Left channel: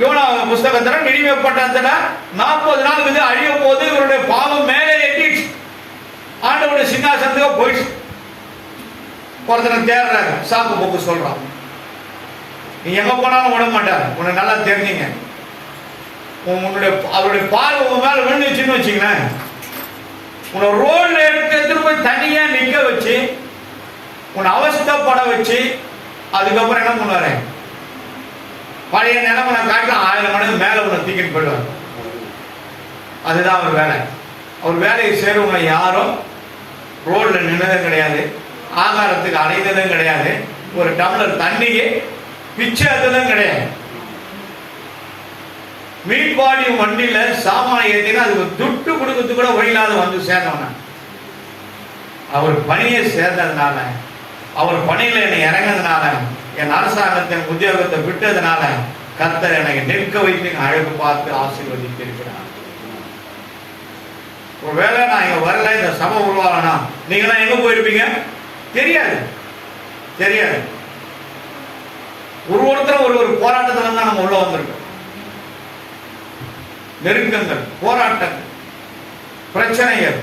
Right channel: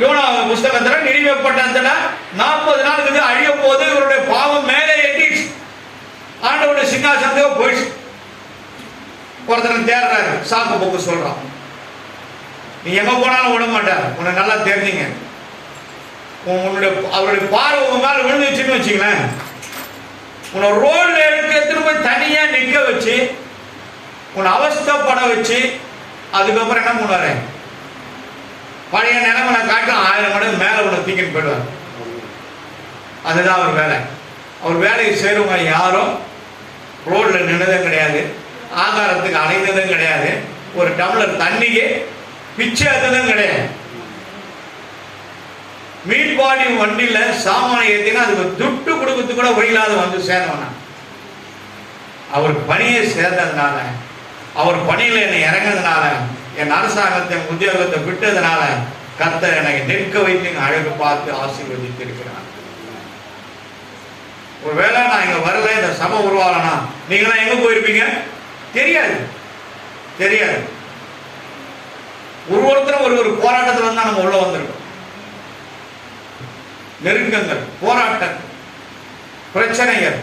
YONO புஸ்தகத்துல நினைவுப்பட்ட 40 நாளுக்கு அழிய போது இவருடைய பாவம் மேலே எட்டிச்சு. ஆண்டவருடைய சிங்காசனத்துக்கு போயிடுச்சு. ஒருத்தனை தேடுறாரு, சாக்கு போக்கு சொல்றான். நீ எங்க போனாலும் விட மாட்டார். உன்னை நல்லா தெரிஞ்சுங்க. அவருடைய பார்வை உங்க மேல விழுந்துச்சுன்னு வச்சுங்களேன், உன்னை ரோட்ல எடுத்துட்டு போய் தனியா நிக்க வச்சு உன்னை அவஸ்தைப்பட வச்சு அதுக்கப்புறம் என்ன பண்ணுவாரு, பழைய நிலைமை காட்டிலும் 1000 மடங்கு மேல உன்னை தூக்கிட்டு போயிடுவார். அதுதான் அவர் வேலை. அவர் வேலையை செய்யறவங்க யாரும் ரோட்ல நின்னதும் கிடையாது, ஆகாரத்துக்கு அலைந்ததும் கிடையாது, ஒரு டம்ளர் தண்ணிக்கு பிச்சை அதுதான் கிடையாது. மீட்பாடி வண்டியில சாமான ஏற்றினா அதுக்கு துட்டு கொடுக்கறது கூட வழியில்லாத வந்து சேர்ந்தவன. அவர் பணியை சேர்ந்ததுனால, அவர் பணியில என்னை இறங்கினதுனால, என் அரசாங்கத்தை உத்தியோகத்தை விட்டதுனால கர்த்தர் எனக்கு நிற்க வைத்து அழகு பார்த்து ஆசீர்வதித்திருக்கிறார். ஒருவேளை நான் இங்க வரல, இந்த சபை உருவாகனா நீங்களாம் எங்க போயிருப்பீங்க தெரியாது. தெரியாது. ஒருத்தர் ஒரு போராட்டத்துல தான் நம்ம உள்ள வந்திருக்கோம். நெருக்கங்கள், போராட்டங்கள், பிரச்சனைகள்,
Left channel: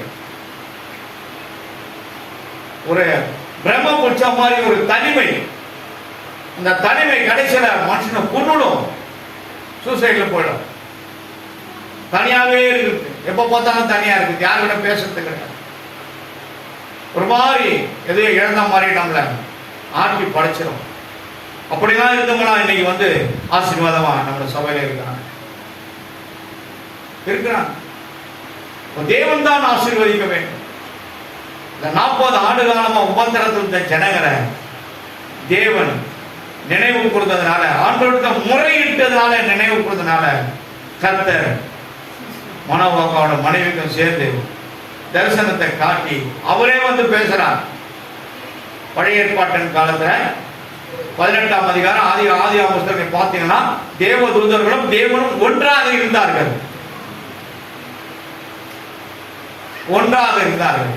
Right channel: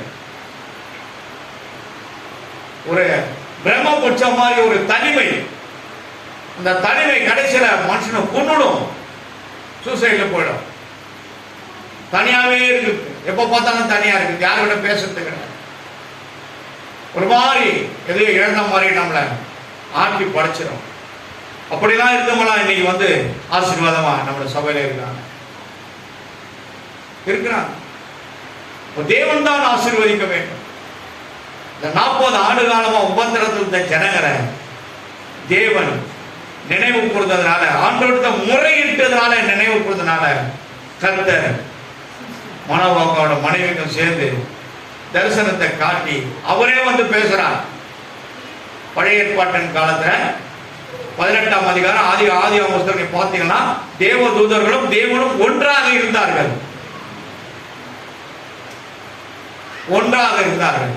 ஒரு பிரம்மபுட்சம் மாதிரி ஒரு தனிமை. அந்த தனிமை கடைசியில மனுஷனை கொன்னுடும், சூசைட்ல போயிடும். தனியாவே இருக்கு, எப்ப பார்த்தாலும் தனியா இருக்கு, யாரோட பேசுறது கிடையாது. ஒரு மாதிரி எதையோ இழந்த மாதிரி நம்மள ஆட்டி படைச்சிடும். அப்படிலாம் இருந்தவங்களா இன்னைக்கு வந்து ஆசீர்வாதமா நம்ம சபையில இருக்காங்க. தேவன் தான் ஆசீர்வதிக்க வேண்டும். இந்த 40 ஆண்டு காலமா உபத்திரத்தில் இருந்த ஜனங்களை தேவன் நினைவு கூர்ந்ததுனால, ஆண்டவர்கிட்ட முறையிட்டதுனால, நினைவு கூர்ந்ததுனால கர்த்தர் மனோபாவோட மனைவிக்கும் சேர்ந்து தரிசனத்தை காட்டி அவரே வந்து பேசுறார். பழைய ஏற்பாட்டின் காலத்துல 18ஆம் அதிகாரம் ஆதி புத்தகத்தை பார்த்தீங்கன்னா தேவ தூதர்களும் தேவனும் ஒன்றாக இருந்தார்கள். ஒன்றாக இருந்தார்கள்.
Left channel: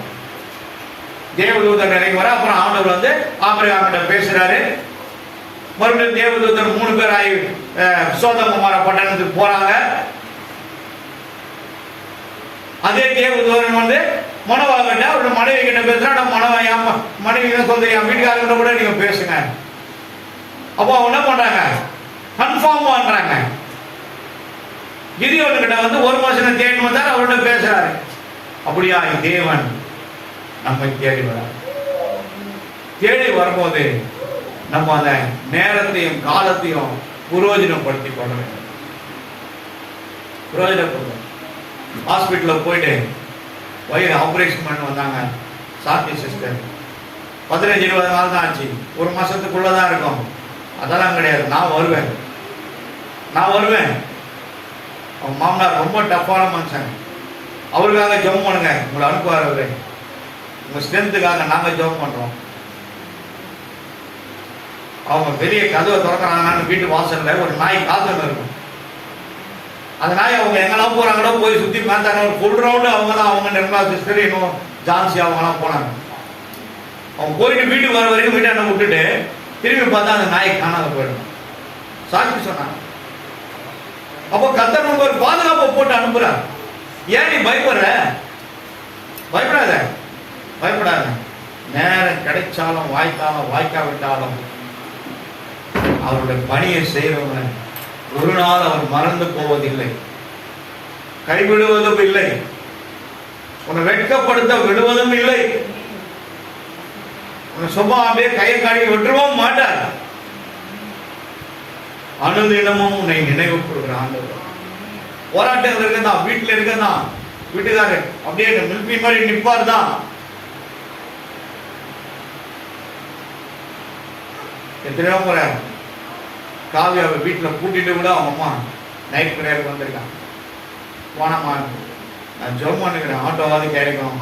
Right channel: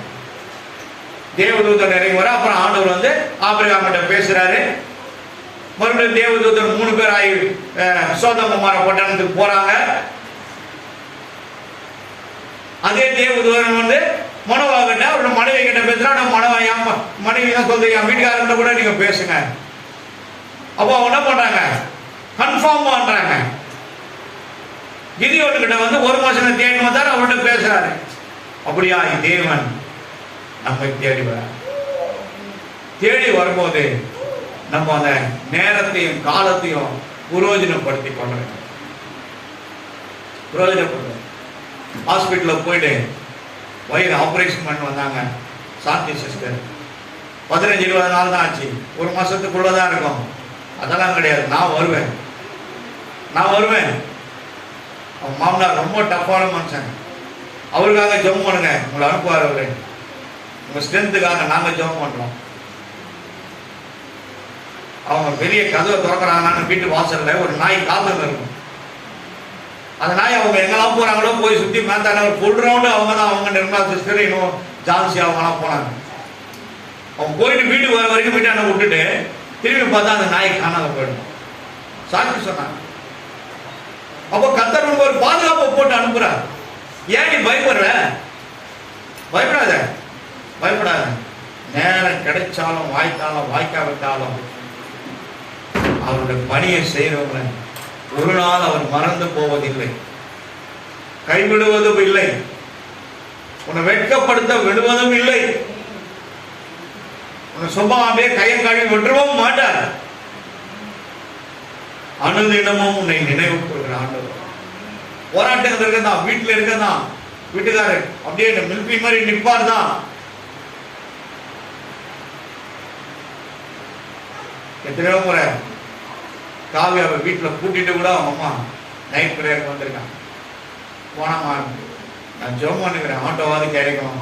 தேவதூதர் இறங்கி வர, அப்புறம் ஆண்டவர் வந்து ஆபிரகாமிட்ட பேசுறாரு. மறுபடியும் தேவதூதர் 3 பேர் ஆகி சோதோம் பட்டணத்துக்கு போறாங்க. அதே தேவதூதன் வந்து மனோவாகிட்ட அவரோட மனைவி கிட்ட பேசுறா. மனைவி தான் சொல்றீங்க, வீட்டுக்காரங்கிட்ட கூட நீங்க பேசுங்க. அப்போ அவங்க என்ன பண்றாங்க, கன்ஃபார்ம் பண்றாங்க. கிதியோன் கிட்ட வந்து 1 மாசம் தேடி வந்தார், அவரோட பேசுறாரு. அப்படியா தேவன் நம்மை தேடி வர, தேடி வரும்போது நம்ம அந்த நேரத்தையும் காலத்தையும் பிரயோஜனப்படுத்திக் கொள்ள வேண்டும். பிரயோஜனப்படுத்த ஹாஸ்பிட்டலில் போயிட்டு வயிறு ஆபரேஷன் பண்ணி வந்தாங்க சாந்தி சிஸ்டர். 15-20 நாள் தான் ஆச்சு, 1 மாசத்துக்குள்ளதான் இருக்கும். அதெல்லாம் கிடையாது, நான் வருவேன். அவங்க மாமனார் ரொம்ப டஃப்பான மனுஷன். அவருக்காக ஜெபம் பண்ணுங்க, உங்களை அனுப்புவார். அவரு உங்க ஸ்ட்ரென்த்துக்காக நாங்க ஜெபம் பண்றோம். அவங்க பெரிய கதவை திறக்கிறாங்கன்னா வீட்டு வாசல்ல ஒரு நாய் காத்துன்னு இருக்கும். அந்த நாய் அவங்க எங்கெல்லாம் போறாங்களோ போய் சுத்தி பார்த்தாங்க. ஒரு ஃபுல் ரவுண்டு அவங்க தான், அவங்க நிர்மலா சிஸ்டர் இன்னும் ஜான்சி அவங்கலாம் போனாங்க. அவங்க போயிட்டு வீட்டுக்கு வர வரைக்கும் வீட்டாண்ட விட்டுட்டு திரும்பி பார்த்தா அந்த நாய் காணாத போயிடும். சாட்சி சொன்னாங்க. அப்போ கர்த்தர் ஒரு பாதுகாப்பை போட்டு அனுப்புறார். ஏன் நீ பயப்படுற? பயப்படாத. நேரம் கிடைச்சாலும் வாய்த்தாலும் வாய்க்காவிட்டாலும் அவருடைய பணியை செய்யறவங்க ஒரு நாள் அவர் மறந்து போவதில்லை, கைவிடுவதும் இல்லை, உன்னை வெட்கப்படுத்த விடுவதும் இல்லை. உன்னை சும்மா அப்படியே கையை காடி விட்டுருவோம் மாட்டார். அனுதினமும் உன்னை நினைவு கொடுக்கிற ஆண்டவர். போராட்டங்கள் இருக்கதான், வீட்டுல இருக்கதான், வீட்டுக்காரர் அப்படியே மிலிட்டரி மாதிரி நிற்பார் தான். எத்தனையோ முறை காவிய வீட்டில் கூட்டிட்டு கூட அவங்க அம்மா நைட் பிரேயருக்கு வந்திருக்காங்க. போனம்மா நான் ஜோம் பண்ணுக்கிறேன், ஆட்டோவாது கிடைக்கும்,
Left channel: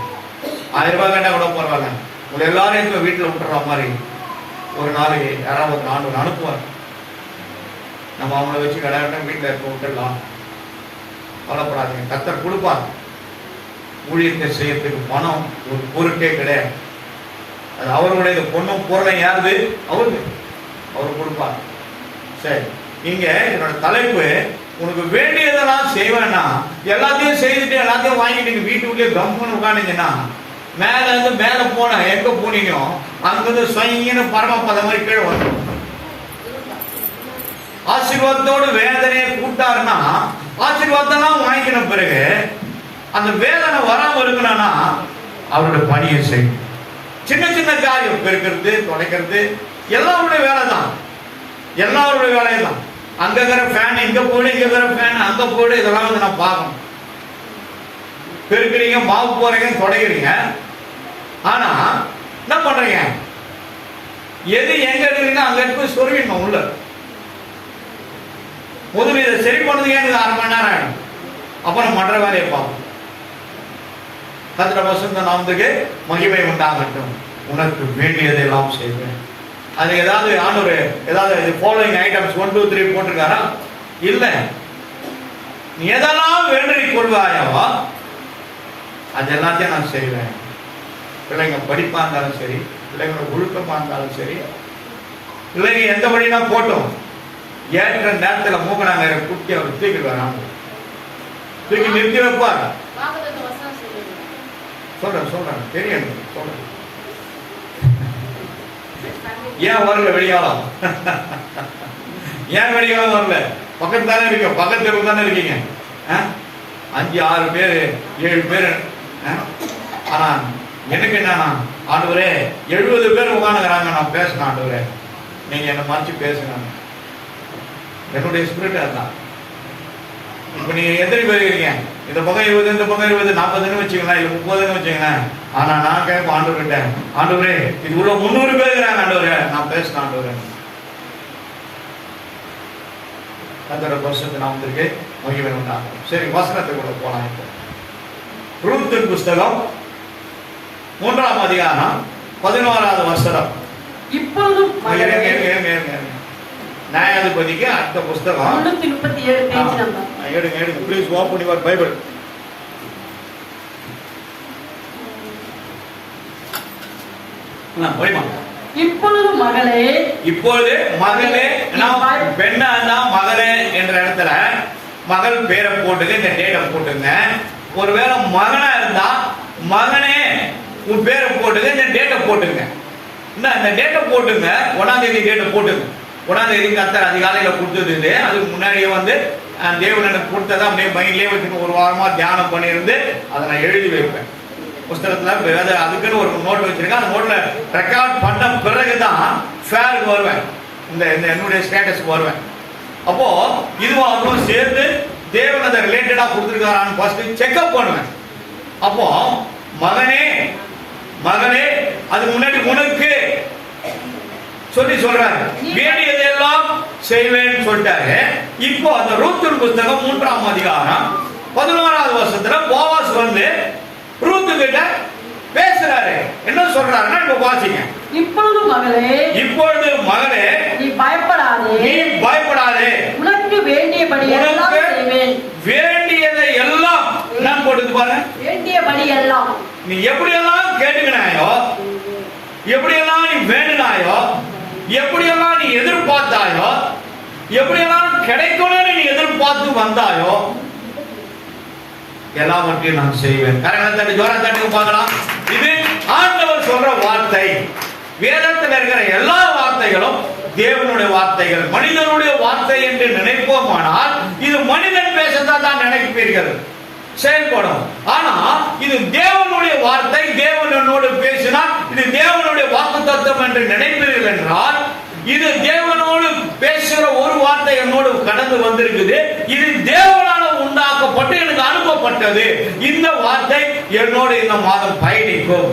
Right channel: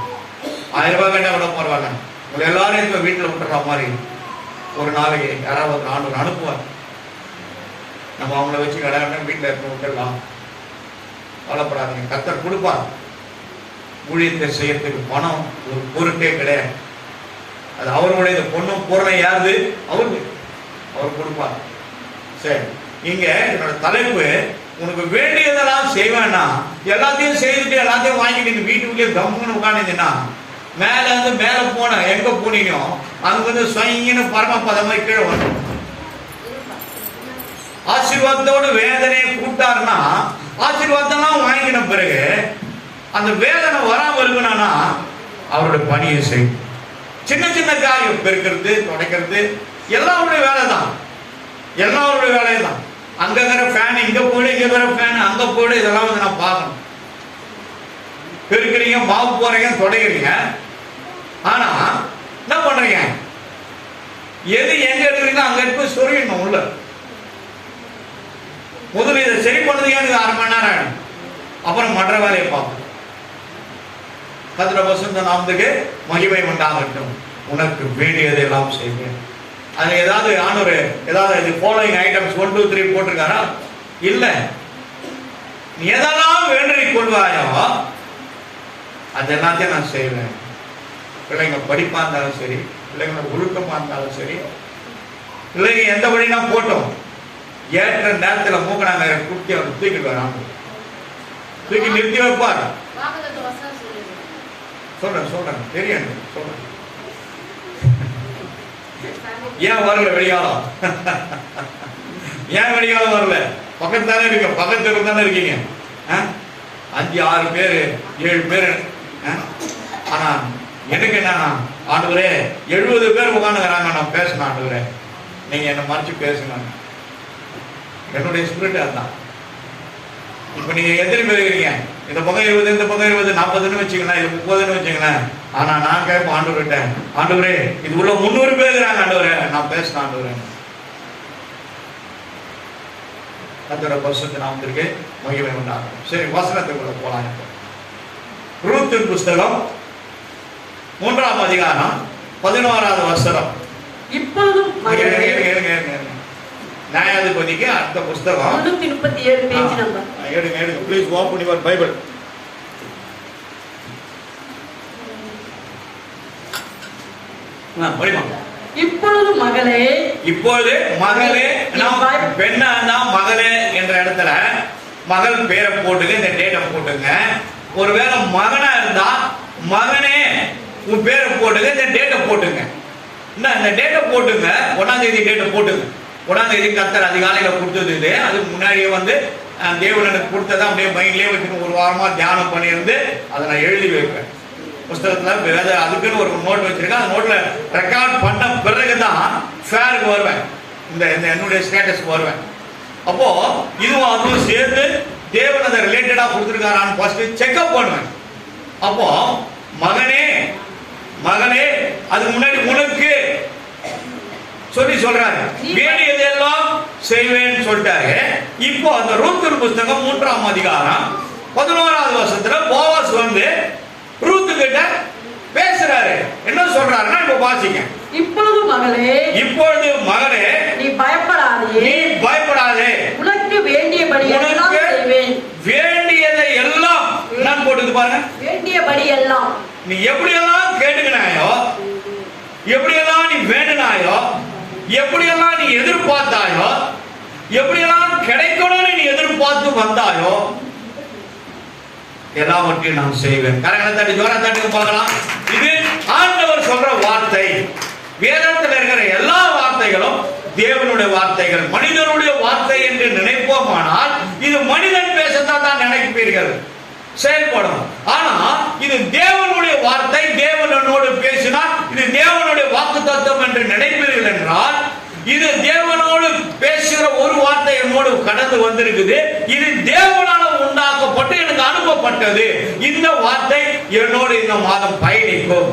1000 ரூபாய் கேட்டால் கூட பரவாயில்ல, உங்களை எல்லாரும் இப்போ வீட்டில் விட்டுற மாதிரி ஒரு நாளைக்கு யாராவது ஆண்டவர் அனுப்புவார். நம்ம அவங்கள வச்சு கடை வீட்டில் இருக்க விட்டுடலாம், கவலைப்படாதீங்க, கர்த்தர் கொடுப்பார். ஊழியத்தை செய்யறதுக்கு பணம் ஒரு பொருட்டே கிடையாது. அது அவருடைய பொண்ணும் பொருளை யாருது? அவருக்கு அவர் கொடுப்பார். சரி. இங்க என்னோட தலைப்பு, உனக்கு வேண்டியதெல்லாம் செய்வேன்னா எல்லாத்தையும் செய்துட்டு எல்லாத்தையும் வாங்கிட்டு நீங்க வீட்டுக்குள்ளே கம்முன்னு உட்காந்துங்கன்னா மேல இருந்து மேல போன எங்க போனீங்க அங்கிருந்து சொயின்னு பரமபதம் மாதிரி கீழே வந்து ஆசீர்வாதத்தோடு வேதனையை கூட்டாருன்னா ஆசீர்வாதம் வாங்கின பிறகு அந்த வேதனை வராம இருக்கணும்னா அவருடைய பணியை செய்யும். சின்ன சின்ன காரியம் பெருக்கிறது, துடைக்கிறது எல்லாருடைய வேலை தான், எல்லாருடைய வேலையை தான். அங்க இருக்கிற ஃபேன் இங்க போயிடு, இங்க இருக்கிற ஃபேன் அங்க போயிடு, இதெல்லாம் வந்து நான் பார்க்கணும். பெருக்கிறீங்க, மாவு போறீங்க, துடைக்கிறீங்க. ஆனா என்ன பண்றீங்க? எது எங்க இருக்குறீங்க அங்க எடுத்து சொருவிடணும் உள்ள. முதல்ல இதை சரி பண்ணது எனக்கு 1/2 மணி நேரம் ஆயிடும். அப்புறம் மற்ற வேலையை பார்ப்போம். கர்த்தருடைய பரிசுத்த நாமத்துக்கு மகிமை உண்டாகட்டும். உனக்கு வேண்டியதெல்லாம் செய்வேன். அது ஏதாவது ஆண்டவர் ஏதாவது ஃபாலோயிங் ஐட்டம்ஸ் 1 2 3 போட்டிருக்காரா? இல்ல. நீ எதெல்லாம் வேண்டி கொள்வாயோ அது எல்லாத்தையும் நான் செய்வேன். பிள்ளைங்க படிப்பா இருந்தாலும் சரி, பிள்ளைங்க ஒழுக்கமா இருந்தாலும் சரி, பிள்ளைங்க எந்த படினா போட்டோம், ஏற்ற நேரத்தில் மூக்கனாங்க குட்டி அவர் தூக்கிட்டு வராங்க, தூக்கி நிறுத்தி வைப்பார். சொல்றேன் தெரியும் சொல்றேன். ஏன் வரல வெளியாளம்? ஏன் வெளியாளம் வரல? பக்கத்து தானே இருக்கீங்க, பக்கத்து தானே இருக்கீங்க. 5 6 பேர் 7 பேர். ஆனா எனக்கு என்ன, ஆண்டவரே 70 பேர் உட்காந்துக்கிறாங்க, நான் பேசணும் ஆண்டவரே, நீங்க என்ன மறைச்சு பேசுங்க. என்னுடைய ஸ்பிரிட் அதுதான். இப்ப நீங்க எத்தனை பேர் இருக்கீங்க? இந்த பக்கம் 20, இந்த பக்கம் 20, 40 வச்சுக்கலாம், இது 30 வச்சுங்களேன். ஆனா நான் கேட்பேன் ஆண்டவர்கிட்ட, ஆண்டவரே இது உள்ள 300 பேர் இருக்கிறாங்க ஆண்டவரே, நான் பேசணும் ஆண்டவரே. கர்த்தருடைய பரிசுத்த நாமத்திற்கு மகிமை உண்டாகட்டும். சரி, வசனத்துக்குள்ள போலாம். இப்போ ரூத்தின் புஸ்தகம் 3ஆம் அதிகாரம் 11வது வசனம். இப்பொழுதும் நியாயாதிபதிக்கு அடுத்த புஸ்தகம் 337 பேஜ் நம்பர். எடுங்க ப்ளீஸ் ஓபன் யுவர் பைபிள். இப்பொழுது மகளே, இப்பொழுது மகளே, பெண்ணா தான் மகளே என்ற இடத்துல மகள் பேரை போட்டுங்க, இந்த டேட்டை போட்டுங்க. ஒருவேளை மகனா இருந்தா மகனே உன் பேரை போட்டுங்க, இந்த டேட்டை போட்டுங்க. இந்த டேட்டை போட்டுங்க, 1ஆம் தேதி டேட்டை போட்டுங்க. 1ஆம் தேதி கர்த்தர் அதிகாலையில கொடுத்தது இது. அதுக்கு முன்னாடியே வந்து தேவன் எனக்கு கொடுத்ததை அப்படியே மைண்ட்லேயே வச்சுன்னு ஒரு வாரமா தியானம் பண்ணியிருந்து அதை நான் எழுதி வைப்பேன் புஸ்தகத்துல. அதுக்குன்னு ஒரு நோட் வச்சிருக்கேன். அந்த நோட்ல ரெக்கார்ட் பண்ண பிறகுதான் ஃபேருக்கு வருவேன், இந்த என்னுடைய ஸ்டேட்டஸ்க்கு வருவேன். அப்போ இதுவும் அதுவும் சேர்த்து தேவன் அதை ரிலேட்டடா கொடுத்துருக்காரான்னு ஃபர்ஸ்ட் செக்அப் பண்ணுவேன். அப்போ மகனே மகனே, அதுக்கு முன்னாடி உனக்கு சொல்லி சொல்றாரு, வேண்டியதெல்லாம் செய்வேன்னு சொல்லிட்டாரு. இப்போ அந்த ரூத்தின் புஸ்தகம் 3ஆம் அதிகாரம் 11வது வசனத்துல போவாஸ் வந்து ரூத்து கிட்ட பேசுறாரு. என்ன சொல்றாருன்னா இப்ப வாசிங்க. இப்பொழுது மகளே, இப்பொழுது மகளே, நீ பயப்படாதே, நீ பயப்படாதே, உனக்கு வேண்டியபடி எல்லாம் செய்வேன். வேண்டியதை எல்லாம் நான் போட்டுது பாருங்க, வேண்டியபடி எல்லாம். நீ எப்படியெல்லாம் கேட்டுக்கினாயோ, எப்படியெல்லாம் நீ வேண்டினாயோ, எப்படியெல்லாம் நீ எதிர்பார்த்தாயோ, எப்படியெல்லாம் கிடைக்கணும்னு நீ எதிர்பார்த்து வந்தாயோ, எல்லாவற்றையும் நான் செய்வேன். கரங்களை ஜோரா தட்டி பார்க்கலாம். இது ஆண்டவர் சொல்ற வார்த்தை. வேதத்தில் இருக்கிற எல்லா வார்த்தைகளும் தேவனுடைய வார்த்தைகள். மனிதனுடைய வார்த்தை என்று நினைப்போமானால் இது மனிதன் பேசத்தான் தான் நினைப்பீர்கள், செயல்படும். ஆனா இது தேவனுடைய வார்த்தை. தேவன் என்னோடு பேசினார், இது தேவனுடைய வாக்கு தத்துவம் என்று நினைப்பீர்கள் என்றால், இது தேவனோடு பேசுகிற ஒரு வார்த்தை என்னோடு கடந்து வந்திருக்குது. இது தேவனால உண்டாக்கப்பட்டு எனக்கு அனுப்பப்பட்டது. இந்த வார்த்தை என்னோடு இந்த மாதம் பயணிக்கும்,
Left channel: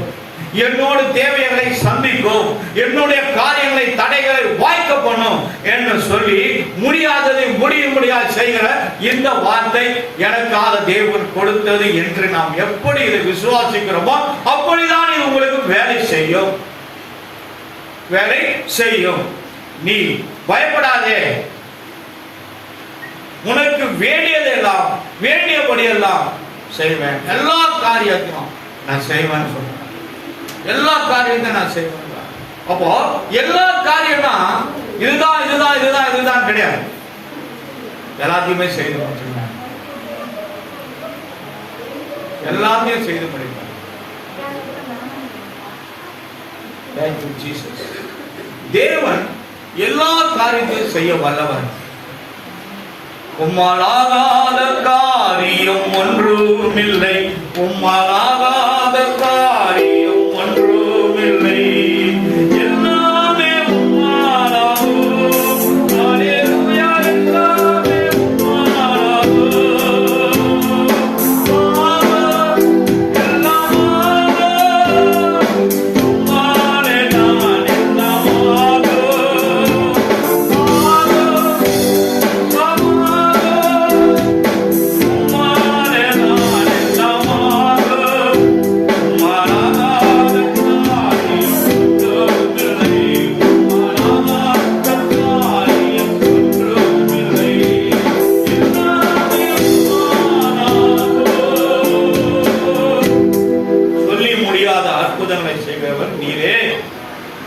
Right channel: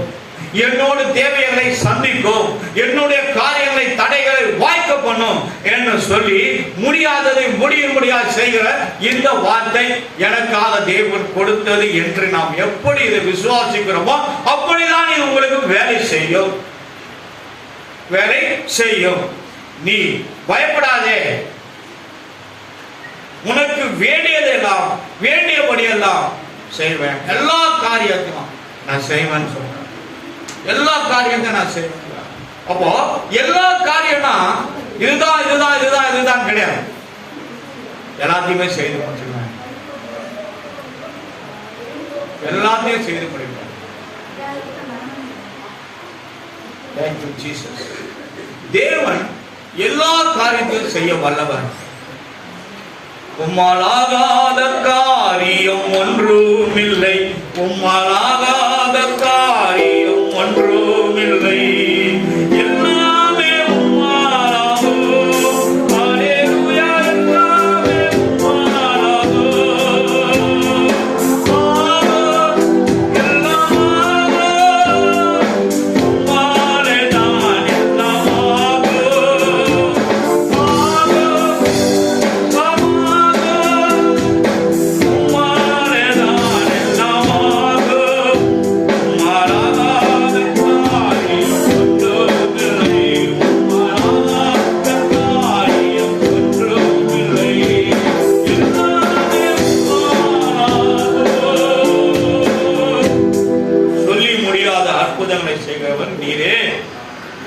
என்னோடு தேவைகளை சந்திக்கும், என்னுடைய காரியங்களை தடைகளை வாய்க்க பண்ணும் என்று சொல்லி முடியாததை முடியாது செய்கிற இந்த வார்த்தை எனக்காக தேவன் கொடுத்தது என்று நாம் எப்படி இதை விசுவாசிக்கிறோமோ அப்படிதான் இது உங்களுக்கு வேலை செய்யும், வேலை செய்யும். நீ பயப்படாதே, உனக்கு வேண்டியதெல்லாம் வேண்டியபடியெல்லாம் செய்வேன். எல்லா காரியத்தையும் நான் செய்வேன்னு சொல்றேன். எல்லா காரியத்தையும் நான் செய்வேன். அப்போ எல்லா காரியம் தான் இதுதான் இதுதான் இதுதான் இதுதான் கிடையாது. எல்லாத்தையுமே செய்து முடிச்சுருவேன். எல்லாத்தையும் செய்து முடிப்பேன். Thank you, Jesus. தேவன் எல்லா காரியத்தையும் செய்ய வல்லவர். உம்மாலாகாத காரியம் ஒன்றுமில்லை, உம்மாலாகாத காரியம் ஒன்றுமில்லை. எல்லாமே உம்மாலாகும். ஹல்லேலூயா, எல்லாமே உம்மாலாகும். உம்மாலே நான் எல்லாமாகும். செய்கிறவர் நீரே,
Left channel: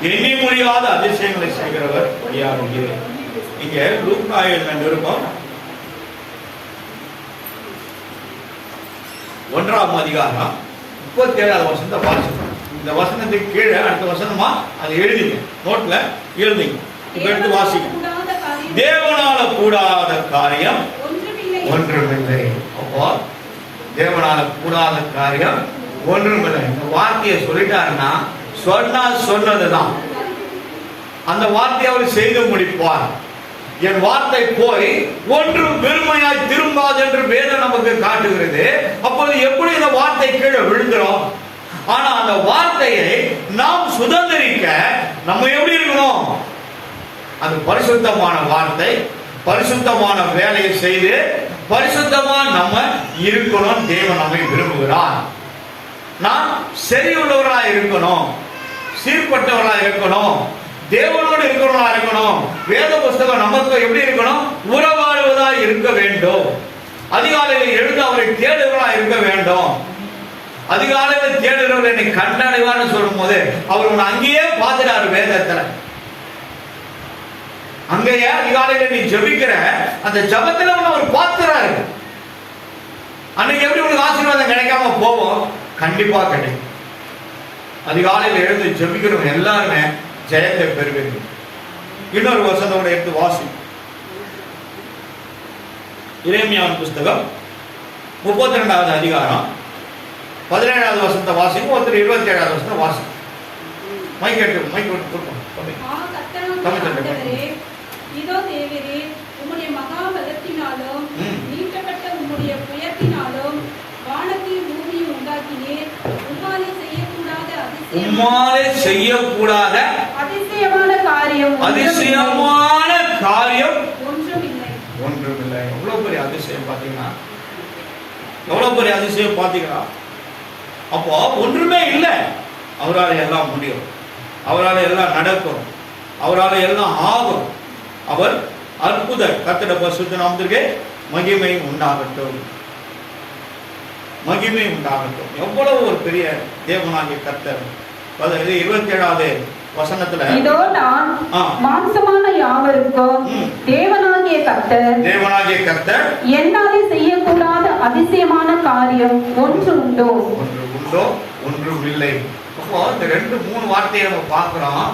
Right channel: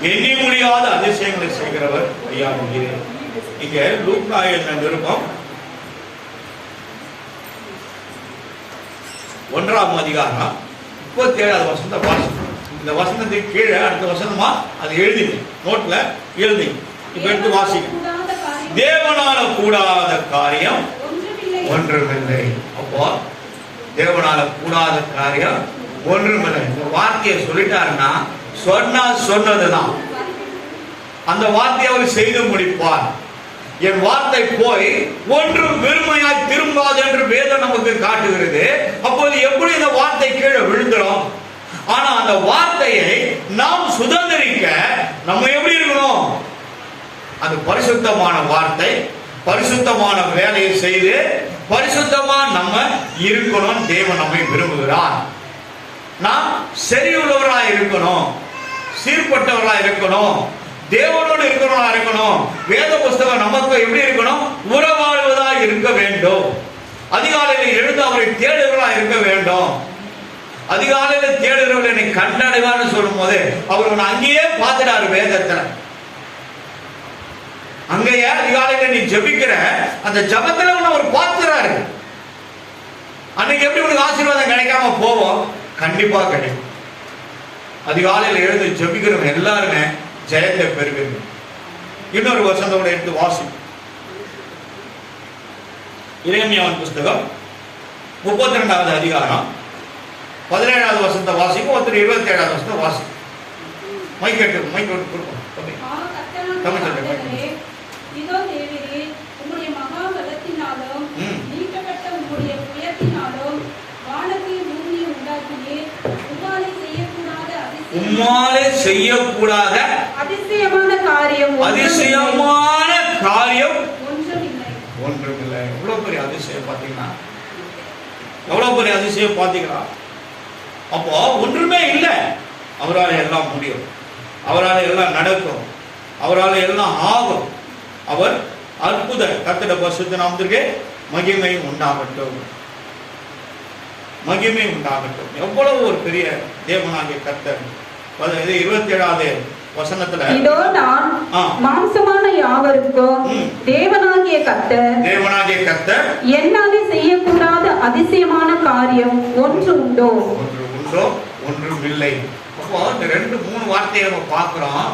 எண்ணி முடியாத அதிசயங்களை செய்கிறவர் ஐயா நீரே. இங்க லூக்கா எழுதின நிருபம் 1ஆம் அதிகாரம் 37வது வசனத்தை வாசிக்கணும். இந்த வசனத்துக்கு கீழே அடுத்த வசனமா அது எழுதிங்க, நோட்ல எழுதிங்க. இப்ப எடுத்து வாசிங்க. தேவனால கூடாத காரியம் ஒன்றுமில்லை. அப்போ தேவனால கூடாத காரியம் ஒன்றுமில்லை. ஒரு வார்த்தையை சொல்லிட்டாருன்னா சொன்னா சொன்னதுதான். அந்த வார்த்தையை அவர் செய்து முடிப்பார். என் வார்த்தை போய் ஒன்றும் வெறுமையாய் திரும்பாது என்று வேதம் நமக்கு காட்டுகிறது. அப்போது எப்படி இந்த வார்த்தை கீழே விழுந்துரும்? ஆனா அந்த வார்த்தையை நாம் சுதந்திரிக்க நம்ம எப்படி இருக்கணும்? அது பரிசுத்தமான வார்த்தை, பரிசுத்தமான வேலையை செய்து பரிசுத்தமா நம்ம இருக்கணும். தேவன் நம்மை விரும்புகிறார். நாம் சரி உள்ளவர்களா இருக்கணும், சீர்பட்டவர்களா இருக்கணும், தேவனோடு இருக்கிறவர்களா இருக்கணும். வேத புஸ்தகம் நமக்கு எப்படி இருக்கணும்? உறவாடுவதா இருக்க வேண்டும். அதிகாலையில் எழுந்து அவரை தேடுகிறவர்களா இருக்க வேண்டும். அதிகாலையில் தேடுகிறவர்கள் என்னை கண்டடைவான்னு சொல்லும் போது அவர் உன்னை அங்கேயே பார்த்துட்டாரு. வேதத்துல அங்கேயே அதிகாலையில் நீ ஜபிக்கிற அந்த ஜபத்துல உன்னை அவர் பார்த்துறாரு. அன்னைக்கு எப்படி உனக்கு ஆசீர்வாதம் கிடைக்காம போவோம்? கண்டிப்பா கிடைக்கும். அதிகாலையில் எழுந்து ஜபிக்கிறவங்க எல்லாருமே ஜெயத்தை பெறுவீர்கள். இன்னொரு வசனத்தோட எடுத்து வாசி. எரேமியாவின் புஸ்தகம் 32வது அதிகாரம் 17வது வசனத்தை வாசிக்கும். ஒருத்தர் 27வது வசனத்தை வாசிக்கும். மைக் கொடுக்கும். இதோ தேவரே, உம்முடைய மகா பலத்தினாலும் நீட்டப்பட்ட உம்முடைய புயத்தினாலும் வானத்தில் பூமியை உண்டாக்கினீர். உம்மாலே செய்யக்கூடாத அதிசயமான காரியம் ஒன்றுமில்லை. எவ்வளவு பெரிய அதிசயம் பாத்தீங்கன்னா, எவ்வளவு பெரிய அதிசயம் பாத்தீங்களா? அப்போ ஒன்றுமே இல்லை. அவரால் எல்லாம் முடியும், அவரால் எல்லாம் நடக்கும், அவரால் எல்லாம் ஆகும். அவர் அற்புத கர்த்தருடைய பரிசுத்த நாமத்திற்கு மகிமை உண்டாகட்டும், மகிமை உண்டாகட்டும். எவ்வளவு ஒரு பெரிய தேவனாகிய கர்த்தர். 27வது வசனத்துல இதோ நான் மாம்சமான யாவருக்கும் தேவனாகிய கர்த்தர் என்னாலே செய்யக்கூடாத அதிசயமான காரியம் ஒன்று உண்டோ ஒன்றும் இல்லை. அப்போ இந்த 2-3 வார்த்தையை நம்ம பார்க்கிறோம்.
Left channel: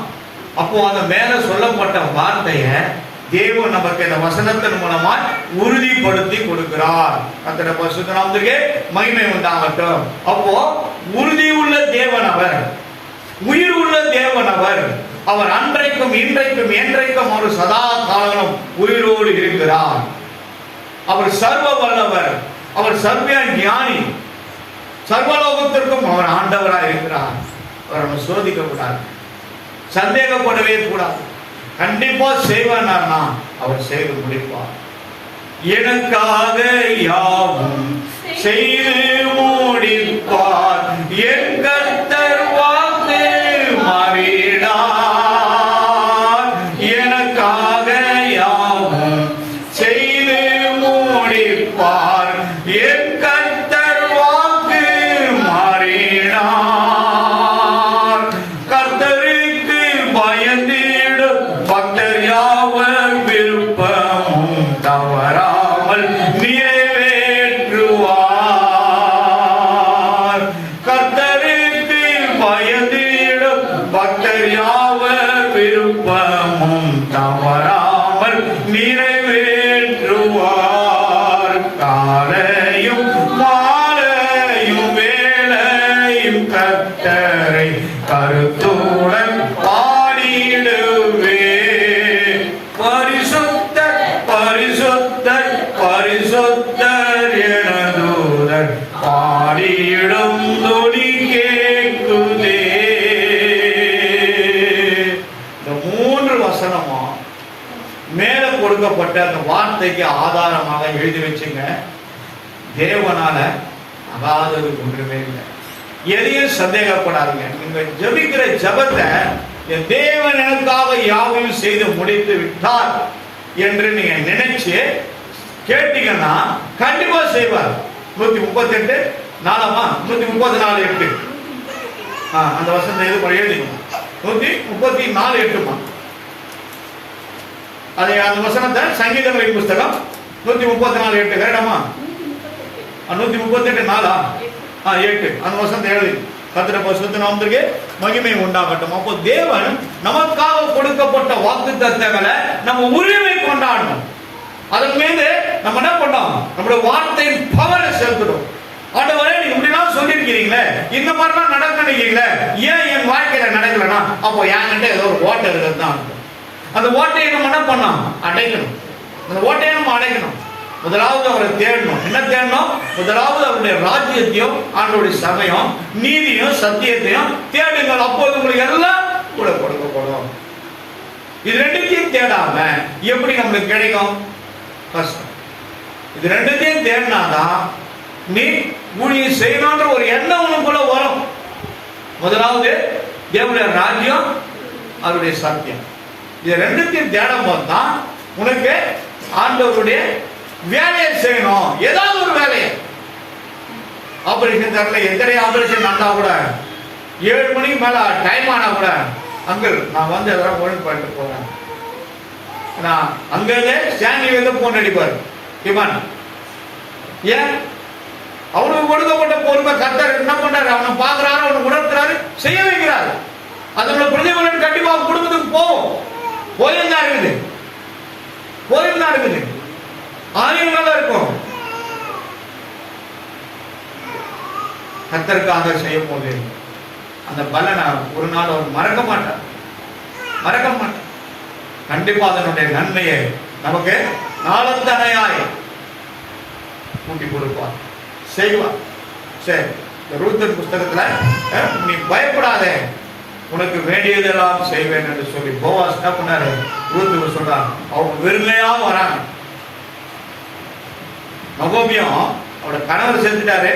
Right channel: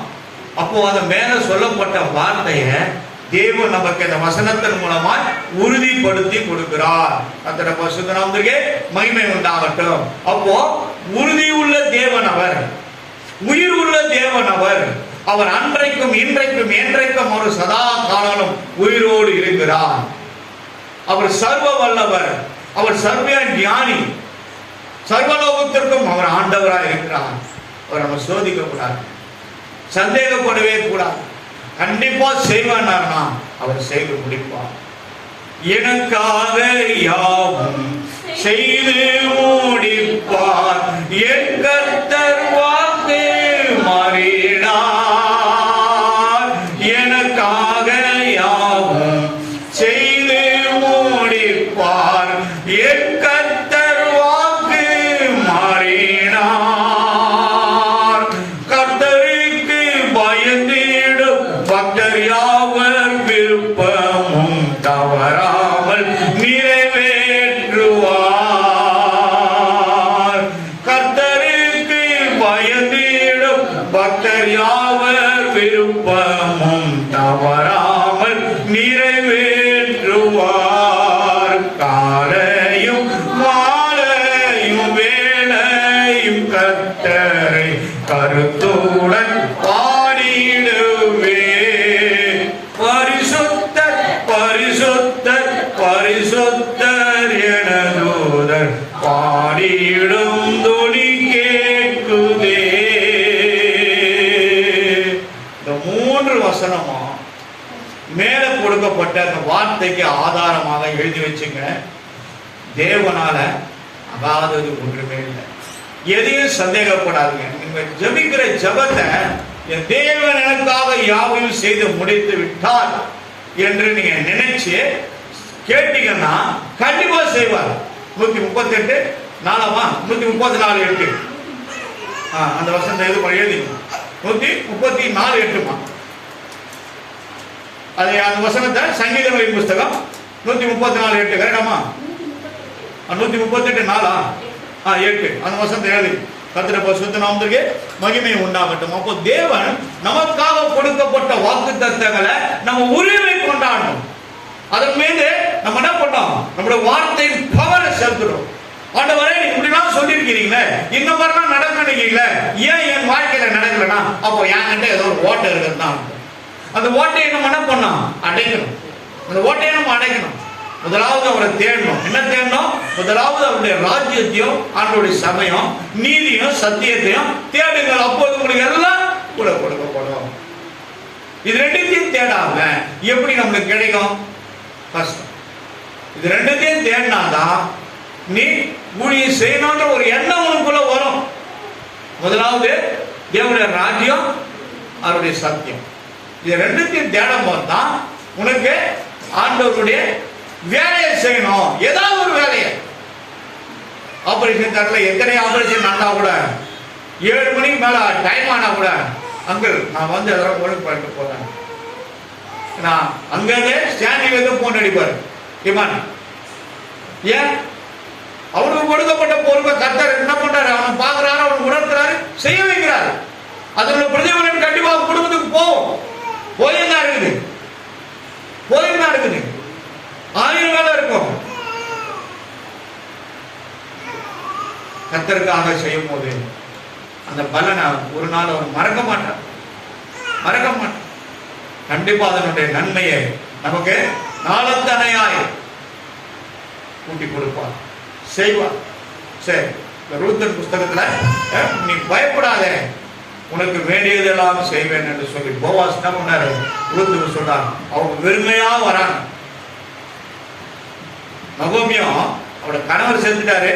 அப்போ அந்த மேல சொல்லப்பட்ட வார்த்தையை தேவன் நமக்கு இந்த வசனத்தின் மூலமா உறுதிப்படுத்தி கொடுக்கிறார். கர்த்தருடைய பரிசுத்த நாமத்திற்கு மகிமை உண்டாகட்டும். அப்போ உறுதி உள்ள தேவன் அவர், உயிர் உள்ள தேவன் அவர். அவர் அன்றைக்கும் இன்றைக்கும் என்றைக்கும் ஒரு சதா காலமும் உயிரோடு இருக்கிறார். அவர் சர்வ வல்லவர், அவர் சர்வ ஞானி, சர்வலோகத்திற்கும் அவர் ஆண்டவராக இருக்கிறார். அவர் நம்ம சோதிக்க கூடாது, சந்தேகப்படவே கூடாது. கண்டிப்பா செய்வார்னா அவர் செய்து முடிப்பார். எனக்காக யாவும் செய்து முடிப்பார். என் கர்த்தர் வாக்கு மாறினார். எனக்காக யாவும் செய்து முடிப்பார். என் கர்த்தர் வாக்கு மாறினார். கர்த்தருக்கு பயந்திடும் பக்தர் யாவர் விருப்பமும் தவறா விருப்பமும் தவறாமல் நிறைவேற்றுவார். காலையும் மாலையும் வேளையும் கர்த்தரை கருத்துடன் பாடிடுவே. பரிசுத்தர் பரிசுத்தர் பரிசுத்தர் என தூதர் பாடிடும் துணி கேட்குதே. இந்த 3 வசனமா மேல கொடுக்கப்பட்ட அந்த வார்த்தைக்கு ஆதாரமாக எழுதி வச்சுங்க. தேவனால அகாதது ஒன்றுமே இல்லை. எதையும் சந்தேகப்படாதுங்க. நீங்க ஜபிக்கிற ஜபத்தை என் தேவன் எனக்காக யாவையும் செய்து முடித்து விட்டார் என்று நீங்க நினைச்சு கேட்டீங்கன்னா கண்டிப்பா செய்வார். 138 4 134 8 அந்த வசனம் எது எழுதிங்க. 134 8 அதை அந்த வசனத்தை சங்கீதங்களின் புஸ்தகம் 134 8 கரெக்டாமா? 138 4 8 அந்த வசனத்தை எழுதி. கர்த்தருடைய பரிசுத்த நாமத்திற்கு மகிமை உண்டாகட்டும். அப்போ தேவன் நமக்காக கொடுக்கப்பட்ட வாக்குத்தத்தங்களை நம்ம உரிமை கொண்டாடணும். அதன் மீது நம்ம என்ன பண்ணோம்? நம்முடைய வார்த்தையின் பவரை செலுத்துறோம். ஆண்டவரே நீ இப்படிலாம் சொல்லியிருக்கிறீங்களே, இந்த மாதிரிலாம் நடக்க நினைக்கிறீங்களே, ஏன் என் வாழ்க்கையில நடக்கலன்னா அப்போ என்கிட்ட ஏதோ ஒரு ஓட்டை இருக்கிறது தான். அந்த ஓட்டையை நம்ம என்ன பண்ணோம்? அடைக்கணும். அந்த ஓட்டையை நம்ம அடைக்கணும். முதலாவது அவரை தேடணும். என்ன தேடணும்? முதலாவது அவருடைய ராஜ்யத்தையும் ஆண்டவருடைய சமயம் நீதியும் சத்தியத்தையும் தேடுங்கள். அப்போது உங்களுக்கு எல்லாம் கூட கொடுக்கப்படும். இது ரெண்டுத்தையும் தேடாம எப்படி நம்மளுக்கு கிடைக்கும்? கஷ்டம். இது ரெண்டுத்தையும் தேடினாதான் நீ ஊழியம் செய்யணும்ன்ற ஒரு எண்ணம் உனக்குள்ள வரும். முதலாவது தேவனுடைய ராஜ்யம், அவருடைய சத்தியம். இது ரெண்டுத்தையும் தேடும் போது தான் உனக்கு ஆண்டவருடைய வேலையை செய்யணும். ஏதாவது ஒரு வேலையை. ஆபரேஷன் தரல எத்தனை ஆபரேஷன் நடந்தா கூட 7 மணிக்கு மேல டைம் ஆனா கூட அங்கிள் நான் வந்து எதாவது ஒழுங்கு பண்ணிட்டு போறேன். நான் அங்கே ஸ்டாண்டிங் வந்து போன் அடிப்பார். டிமான் ஏன்? அவனுக்கு கொடுக்கப்பட்ட பொறுப்பை கர்த்தர் என்ன பண்றாரு? அவனை பாக்குறாரு, அவனுக்கு உணர்த்துறாரு, செய்ய வைக்கிறாரு. அதோட பிரதிபலன் கண்டிப்பா குடும்பத்துக்கு போகும். போயிருந்தா இருக்குது ஆயுள் இருக்கும். கர்த்தருக்காக செய்யும் போது அந்த பலனை ஒரு நாள் அவர் மறக்க மாட்டார். கண்டிப்பா அதனுடைய நன்மையை நமக்கு நாளத்தனையாய் கூட்டி கொடுப்பார், செய்வார். சரி, இந்த ரூத் புஸ்தகத்துல நீ பயப்படாத, உனக்கு வேண்டியதெல்லாம் செய்வேன் என்று சொல்லி போவாஸ் என்ன பண்ணாரு? ரூத்துக்கு சொல்றாரு. அவங்க வெறுமையா வராங்க. நகோமியும் அவரோட கணவர் செத்துட்டாரு,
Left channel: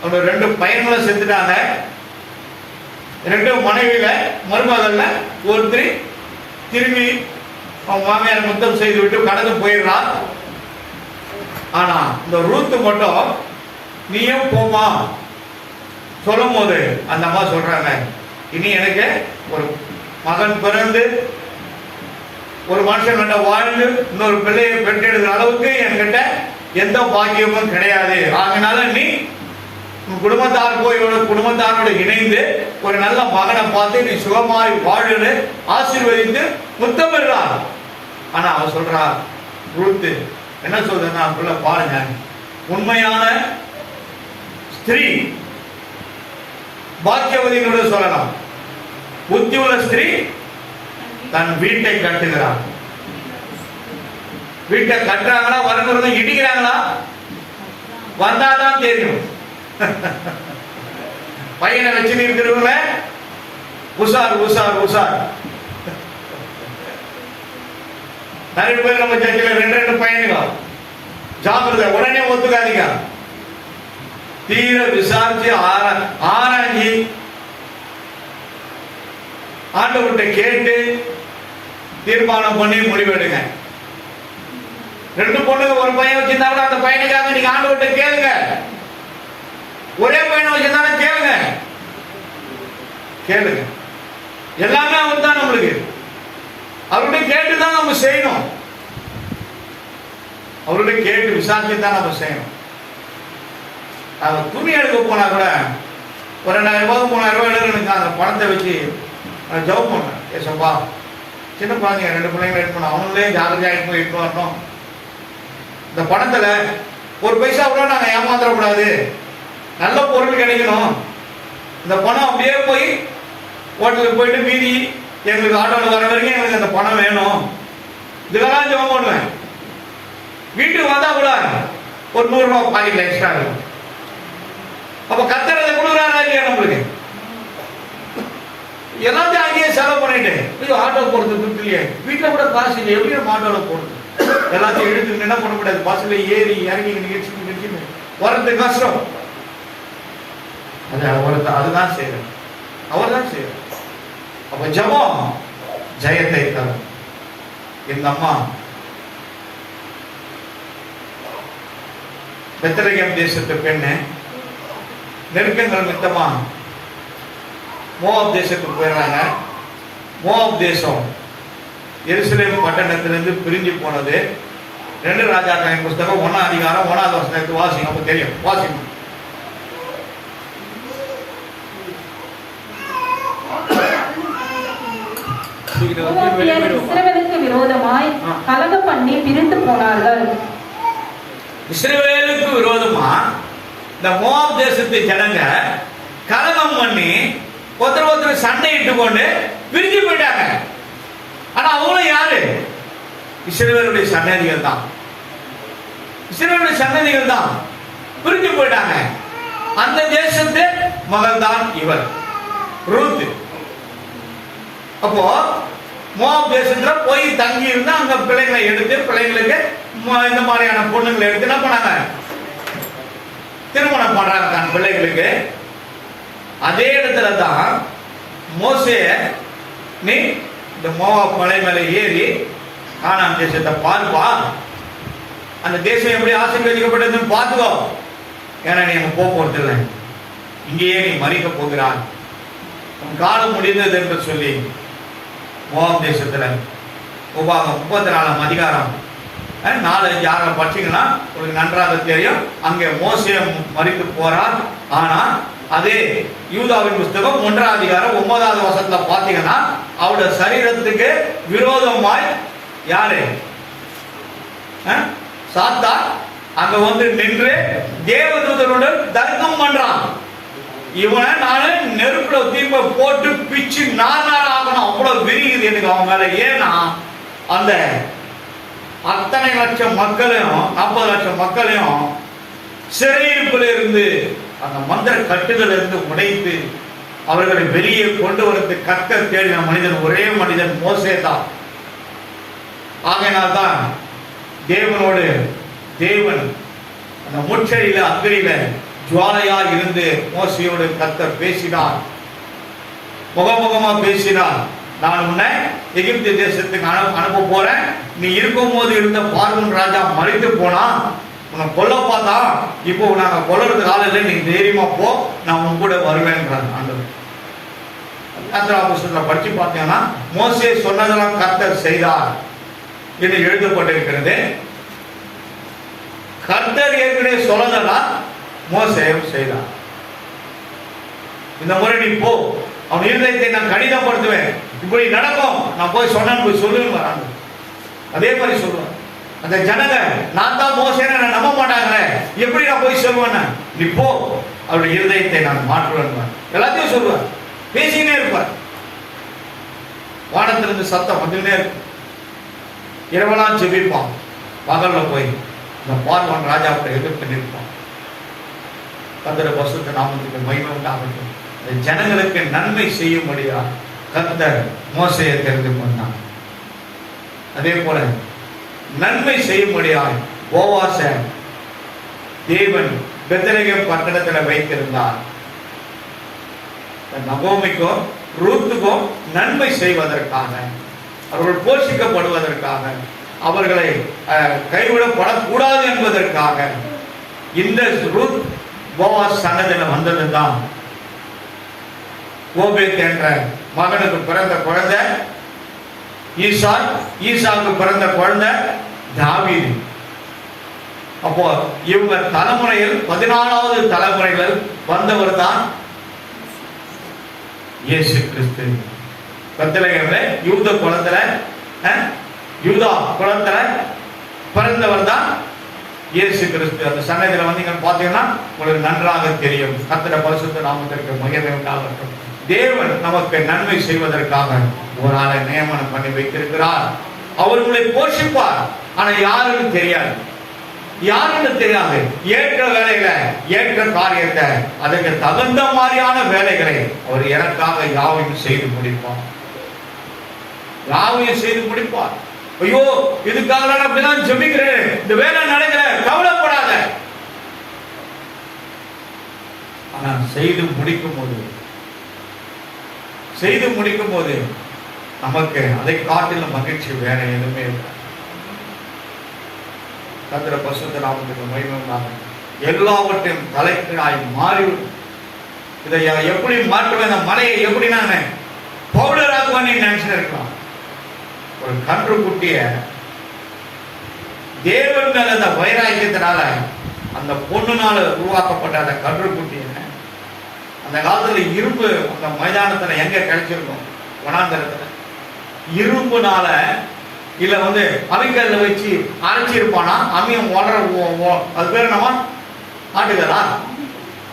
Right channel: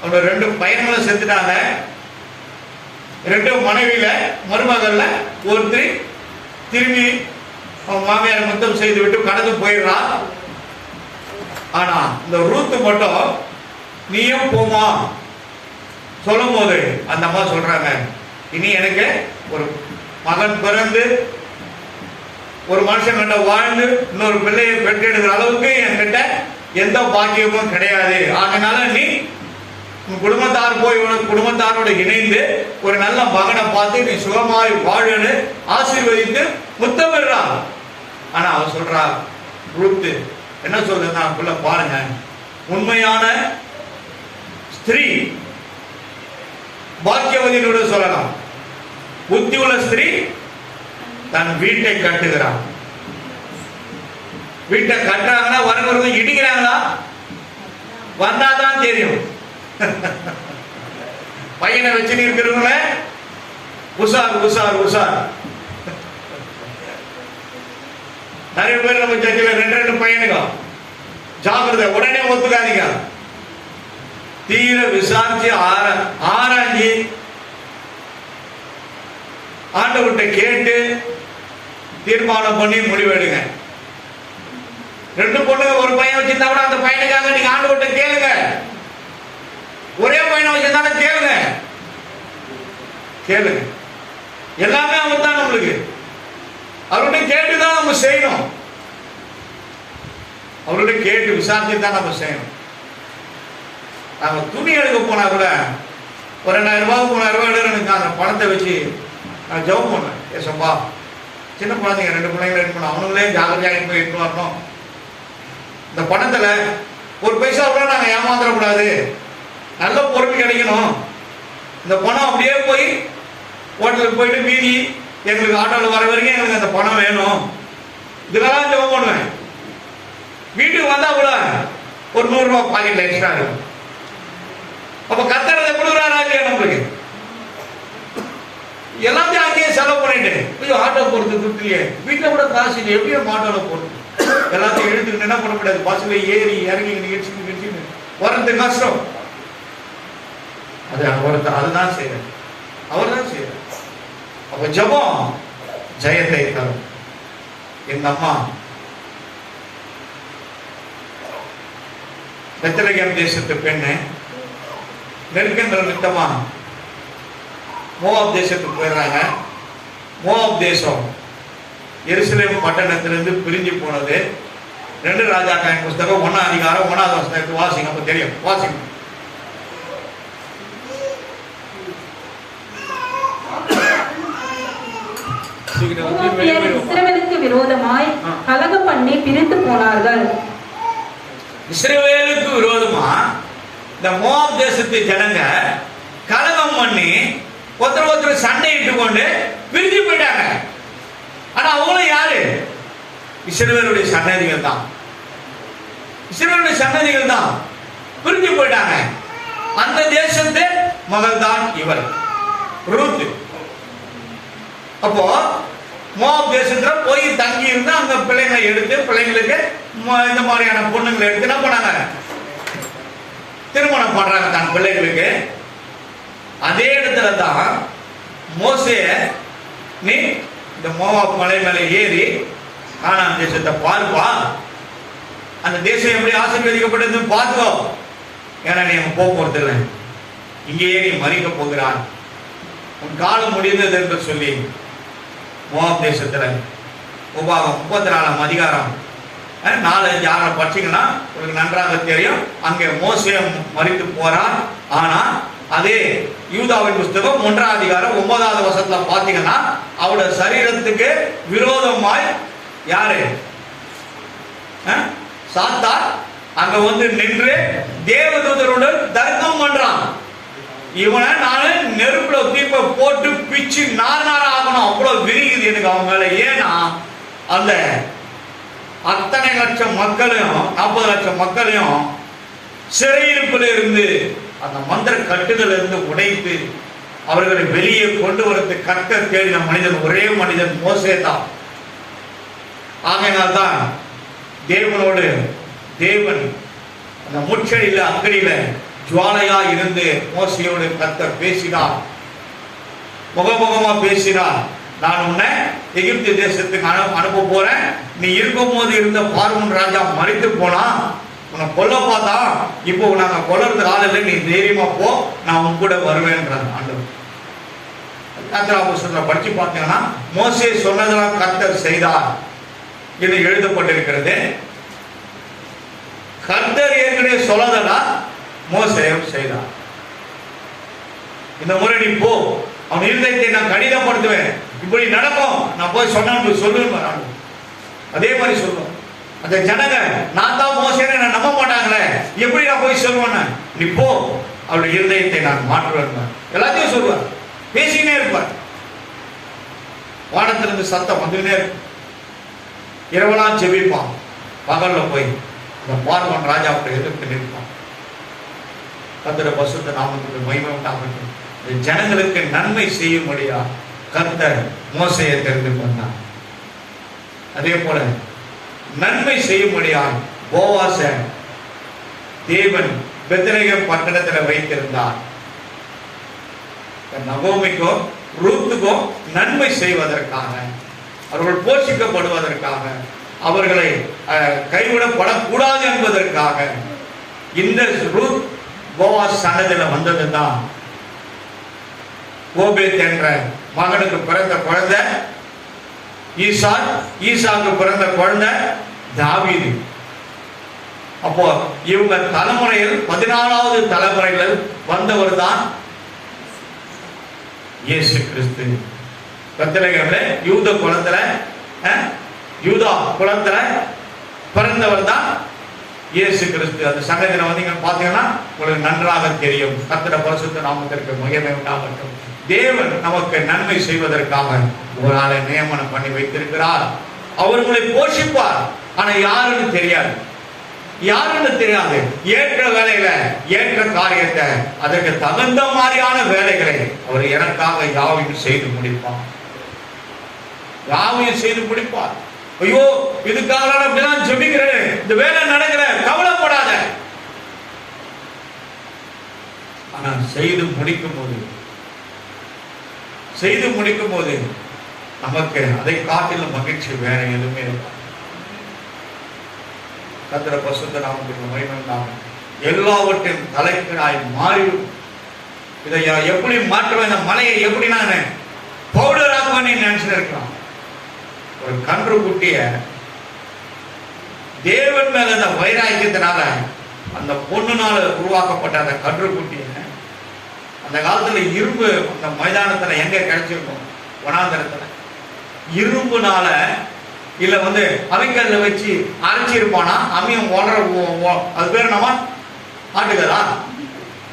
அவரோட 2 பையன்களும் செத்துட்டாங்க. 2 மனைவியில மருமகள்ல ஒருத்தர் திரும்பி அவன் மாமியார் முத்தம் செய்து விட்டு கடந்து போயிடலாம். ஆனா இந்த ரூத்து மட்டும் நீயும் போமா சொல்லும் போது அந்த அம்மா சொல்றாங்க, இனி எனக்கு ஒரு மகன் பிறந்து ஒரு மனுஷன் கிட்ட வாழ்ந்து இன்னொரு பிள்ளையை பெற்றெடுக்கிற அளவுக்கு என்கிட்ட எந்த பாக்கியமும் கிடையாது. அதனால நீ உன் குடும்பத்தார் போய் குடும்பத்தாரோடு இணைந்து ஒரு நல்ல மகனை பார்த்து நீ சுகமாய் வாழுன்னு ஆசீர்வதித்து முத்தமிடுறான். ஆனா அவன் சொல்றா, ரூத்து என்ன சொல்றதுன்னா பாருங்க, உண்மையான ஸ்திரீ பாக்கியவதிகளோடு சொல்லலாம். புத்தி உள்ள ஸ்திரீ தன் வீட்டை கட்டுகிறான். வீட்டை கட்டுறாங்களா வருகிறது இடிக்கிறாங்களா? வந்தாதான் தெரியும். பையனை வச்சு இருக்கிறவங்கள உஷார். நிறைய பேர் நம்ம சர்ச்சில் 2 பையனுங்க ஜாக்கிரதை, உடனே ஒத்துக்காதீங்க. தீர விசாரிச்சு ஆராய்ச்சி ஆண்டவர்கிட்ட கேட்டு தீர்மானம் பண்ணி முடிவெடுங்க. 2 பொண்ணுங்க ஒரு பையன் வச்சிருந்தா கூட அந்த பையனுக்காக நீங்க ஆண்டவர்கிட்ட கேளுங்க. ஒரே பையனை வச்சிருந்தாலும் கேளுங்க. எல்லாமே அவர் தான் நம்மளுக்கு. அவர்கிட்ட கேட்டுதான் நம்ம செய்யணும். அவர்கிட்ட கேட்டு விசாரிச்சு தான் நம்ம செய்யணும். நாங்க துணி எடுக்க போனா கூட ஒரு 2000 ரூபாய் 3000 ரூபாய் எனக்கு அந்த பணத்தை வச்சு நான் ஜெபம் பண்ணேன். ஏசப்பா சின்ன குழந்தைங்க 2 பிள்ளைங்க இருக்கணும், அவங்களே ஜாகிரதையாக போய் இருக்க வரணும். இந்த பணத்துல ஒரு பைசா கூட நாங்க ஏமாந்துடக்கூடாது, நல்ல பொருள் கிடைக்கணும். இந்த பணம் அப்படியே போய் ஹோட்டலுக்கு போயிட்டு மீதி எங்களுக்கு ஆட்டோவில் வர வரைக்கும் எங்களுக்கு அந்த பணம் வேணும். இதுக்கெல்லாம் ஜெபம் பண்ணுவேன். வீட்டுக்கு வந்தா கூட ஒரு 100 ரூபாய் பாக்கெட்ல எக்ஸ்ட்ரா இருக்கும். அப்ப கத்தரதை கொடுக்குறாங்க இல்லையா நம்மளுக்கு? எல்லாத்தையும் அங்கேயே செலவு பண்ணிட்டு ஐயோ ஆட்டோ போறது கொடுத்துலையே, வீட்டுல கூட காசு இல்லை, எப்படியும் ஆட்டோவில் போறது, எல்லாத்தையும் எடுத்துக்கிட்டு என்ன பண்ண முடியாது, பஸ்ல ஏறி இறங்கி நிகழ்ச்சி வர்றது கஷ்டம். அது அதுதான் செய்யறது, அவர் தான் செய்யறது. அப்ப ஜெபம் ஜெயத்தை தரும். இந்த அம்மா பெத்லகேம் தேசத்து பெண்ணு நெருக்கங்கள் நிமித்தமா மோவாப் தேசத்துக்கு போயிடுறாங்க. மோவாப் தேசம் எருசலேம் பட்டணத்திலிருந்து பிரிஞ்சு போனது. 2 ராஜாக்களின் புஸ்தகம் 1ஆம் அதிகாரம் 1வது வசனத்தை வாசிங்க, அப்ப தெரியும். வாசிங்க. இஸ்ரவேலுக்கு விரோதமாய் கலகம் பண்ணி பிரிந்து போனார்கள். இஸ்ரவேலுக்கு விரோதமா இந்த மோவாப் தேசத்து ஜனங்க கலகம் பண்ணி ஒருத்தர் சண்டையிட்டு கொண்டு பிரிஞ்சு போயிட்டாங்க. ஆனா அவங்களும் யாரு? இஸ்ரவேலுடைய சன்னதிகள் தான். இஸ்ரவேலுடைய சன்னதிகள் தான் பிரிஞ்சு போயிட்டாங்க. அந்த தேசத்து மகள் தான் இவர் ரூத். அப்போ மோவாப் தேசத்துல போய் தங்கி இருந்து அங்க பிள்ளைங்களை எடுத்து பிள்ளைங்களுக்கு இந்த மாதிரியான பொண்ணுங்களை எடுத்து என்ன பண்ணாங்க, திருமணம் பண்றாங்க தான் பிள்ளைகளுக்கு. அதே இடத்துல தான் மோசே நீ இந்த மோவாப் மலை மேல ஏறி கானான் தேசத்தை பார்ப்பா, அந்த தேசம் எப்படி ஆசீர்வதிக்கப்பட்டது பார்த்துக்கோ, ஏன்னா நீ அங்க போறது இல்லை, இங்கேயே நீ மறிக்க போகிறான், உன் காலம் முடிந்தது என்று சொல்லி மோவாப் தேசத்துல உபாகம் 34ஆம் அதிகாரம் 4-5 6 படிச்சீங்கன்னா உங்களுக்கு நன்றாக தெரியும். அங்கே மோசே மரித்து போறான். ஆனா அதே யூதாவின் புஸ்தகம் 1ஆம் அதிகாரம் 9வது வசனத்துல பாத்தீங்கன்னா அவருடைய சரீரத்துக்கு விரோதமாய் யாரு சாத்தான் அங்க வந்து நின்று தேவதூதருடன் தர்க்கம் பண்றான். இவனை நானு நெருப்புல தீப்ப போட்டு பிச்சு நானா ஆகணும், அவ்வளவு விரிகுது எனக்கு அவன் மேல. ஏன்னா அந்த அத்தனை லட்சம் மக்களையும் 40 லட்சம் மக்களையும் சிறையிருப்பில் இருந்து அந்த மந்திர கட்டுதல் இருந்து உடைத்து அவர்களை வெளியே கொண்டு வரது கர்த்தர் தேடின மனிதன் ஒரே மனிதன் மோசே தான். ஆகையினால்தான் தேவனோடு தேவன் அந்த முச்சடியில அக்கடியில ஜுவாலையா இருந்து மோசையோடு கர்த்தர் பேசினார், முகமுகமா பேசினார். நான் உன்னை எகிப்து தேசத்துக்கு அனுப்ப போறேன், நீ இருக்கும் போது இருந்த பார்வோன் ராஜா மறித்து போனா உன்னை கொல்ல பார்த்தா, இப்போ நாங்க கொல்றதுக்கு ஆள் இல்லை, நீ தைரியமா போ, நான் உன் கூட வருவேன்றாங்க ஆண்டவர். யாத்திராபுஸ்தகத்துல படிச்சு பார்த்தீங்கன்னா மோசே சொன்னதெல்லாம் கர்த்தர் செய்தார் என்று எழுதப்பட்டிருக்கிறது. கர்த்தர் ஏற்கனவே சொன்னதெல்லாம் மோசே செய்தார். இந்த முறை நீ போ, அவன் இருதயத்தை நான் கடிதப்படுத்துவேன், இப்படி நடக்கும், நான் போய் சொன்ன சொல்லுவேன். அதே மாதிரி சொல்லுவேன். அந்த ஜனங்க நான் தான் மோசேன்னு நான் நம்ப மாட்டாங்களே, எப்படி நான் போய் சொல்லுவேன், நீ போ, அவருடைய இருதயத்தை நான் மாற்றுவேன். எல்லாத்தையும் சொல்லுவார், பேசினே இருப்பார். வானத்திலிருந்து சத்தம் வந்துனே இருக்கும். இரவெல்லாம் செபிப்பான், பகல்ல போய் இந்த பார்வன் ராஜாவுக்கு எதிர்த்து நிற்பான். கர்த்தர் பரிசுத்த நாமத்துக்கு மகிமை உண்டாகட்டும். ஜனங்களுக்கு நன்மை செய்யும்படியா கர்த்தர் மோசேயை தெரிந்து கொண்டார். அதே போல நன்மை செய்யும்படியா போவாச தேவன் பெத்லகேம் பட்டணத்தில் வைத்திருந்தார். நகோமிக்கும் ரூத்துக்கும் நன்மை செய்வதற்காக, அவர்கள் போஷிக்கப்படுவதற்காக, அவர்களை கைவிடப்படக்கூடாது என்பதற்காக இந்த ரூத் போவாஸ் சன்னதியில் வந்ததுதான். ஓபேத் என்ற மகனுக்கு பிறந்த குழந்தை ஈசாக், ஈசாக்கு பிறந்த குழந்தை தாவீது. அப்போ இவங்க தலைமுறையில் 14வது தலைமுறைகள் வந்தவர் தான் இயேசு கிறிஸ்து. பெத்லகேம்ல யூத குலத்துல யூதா குலத்துல பிறந்தவர் தான் இயேசு கிறிஸ்து. அந்த சமயத்துல வந்தீங்கன்னு பாத்தீங்கன்னா உங்களுக்கு நன்றாக தெரியும். கர்த்தருடைய பரிசுத்த நாமத்திற்கு மகிமை உண்டாகட்டும். தேவன் நமக்கு நன்மை செய்வதற்காக ஒரு ஆளை நியமனம் பண்ணி வைத்திருக்கிறார். அவர் உங்களை போஷிப்பார். ஆனா யாருன்னு தெரியாது, யாருன்னு தெரியாது. ஏற்ற வேலையில ஏற்ற காரியத்தை அதற்கு தகுந்த மாதிரியான வேலைகளை அவர் எனக்காக யாவையும் செய்து முடிப்பார். யாவையும் செய்து முடிப்பார். ஐயோ இதுக்காக நான் அப்படிதான் ஜெபிக்கிறேன், இந்த வேலை நடக்கல, கவலைப்படாத. ஆனா செய்து முடிக்கும் போது நமக்கு அதை காட்டிலும் மகிழ்ச்சி வேற எதுவுமே இல்லை. கர்த்தருடைய பரிசுத்த நாமத்துக்கு மகிமை உண்டாகும். எல்லாவற்றையும் தலைப்பினாய் மாறிவிடும். இதை எப்படி மாற்றுவேன், இந்த மலையை எப்படி நான் பவுடர் ஆக்குவேன்னு நினைச்சுட்டு இருக்கோம். ஒரு கன்று குட்டிய தேவன் மேல அந்த வைராக்கியத்தினால அந்த பொண்ணுனால உருவாக்கப்பட்ட அந்த கன்று குட்டிய அந்த காலத்துல இரும்பு அந்த மைதானத்துல எங்க கிடைச்சிருக்கும், வனாந்தரத்துல இரும்புனால இல்ல அவிக்கல்ல வச்சு அரைச்சிருப்பானா, அம்மியும் அது பேர் நம்ம ஆட்டுகளா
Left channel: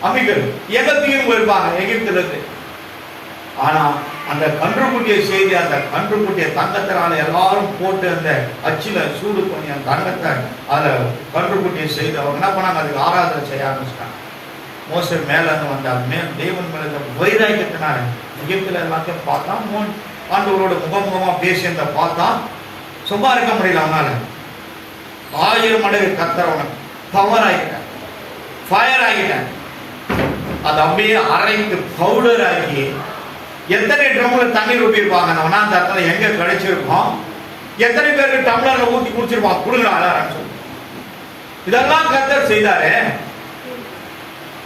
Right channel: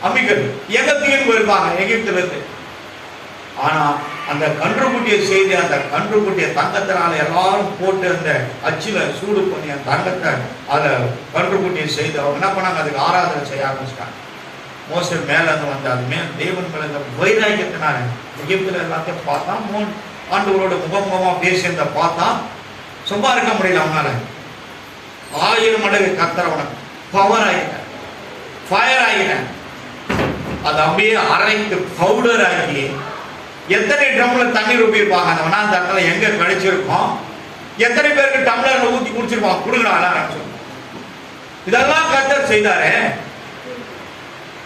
அம்மிக்கல் எங்க தீர்வு போயிருப்பாங்க எகிப்துல இருந்து. ஆனா அந்த கன்றுக்குட்டியை செய்து அந்த கன்றுக்குட்டியை தங்கத்தினால எல்லாரும் போட்டு அந்த அச்சில சூடு பண்ணி அந்த தங்கத்தை அதுல கன்றுக்குட்டியை செய்து அவங்க என்ன பண்ணாங்க, அதுக்கு ஆராதனை செய்ய ஆரம்பிச்சிட்டாங்க. மோசே மேல வந்தார். தெய்வன் மேல வைராக்கியத்தினால எகிப்துல எல்லாத்தையும் பார்த்தா ஆண்டவரோட முகமுகமா பேசியதை பார்த்தா சும்மா இருக்க முடியல. அவனால 1000 மடங்கு கர்த்தர் பவர் ஆகிட்டார், ஃபயர் ஆகிட்டார். அதை அப்படியே அரைத்து பவுடர் ஆக்கி எத்தனை ட்ரம்ல தண்ணீர் ஊற்றிருப்பாங்க. நம்ம அந்த இடத்துல எங்க கிடைச்சிருக்கோம், எத்தனை பேருக்கு டம்ளர்ல ஊற்றி குடிச்சிருப்பாங்க, கொடுக்கலாம். இதெல்லாம் கர்த்தர் செய்தாரு.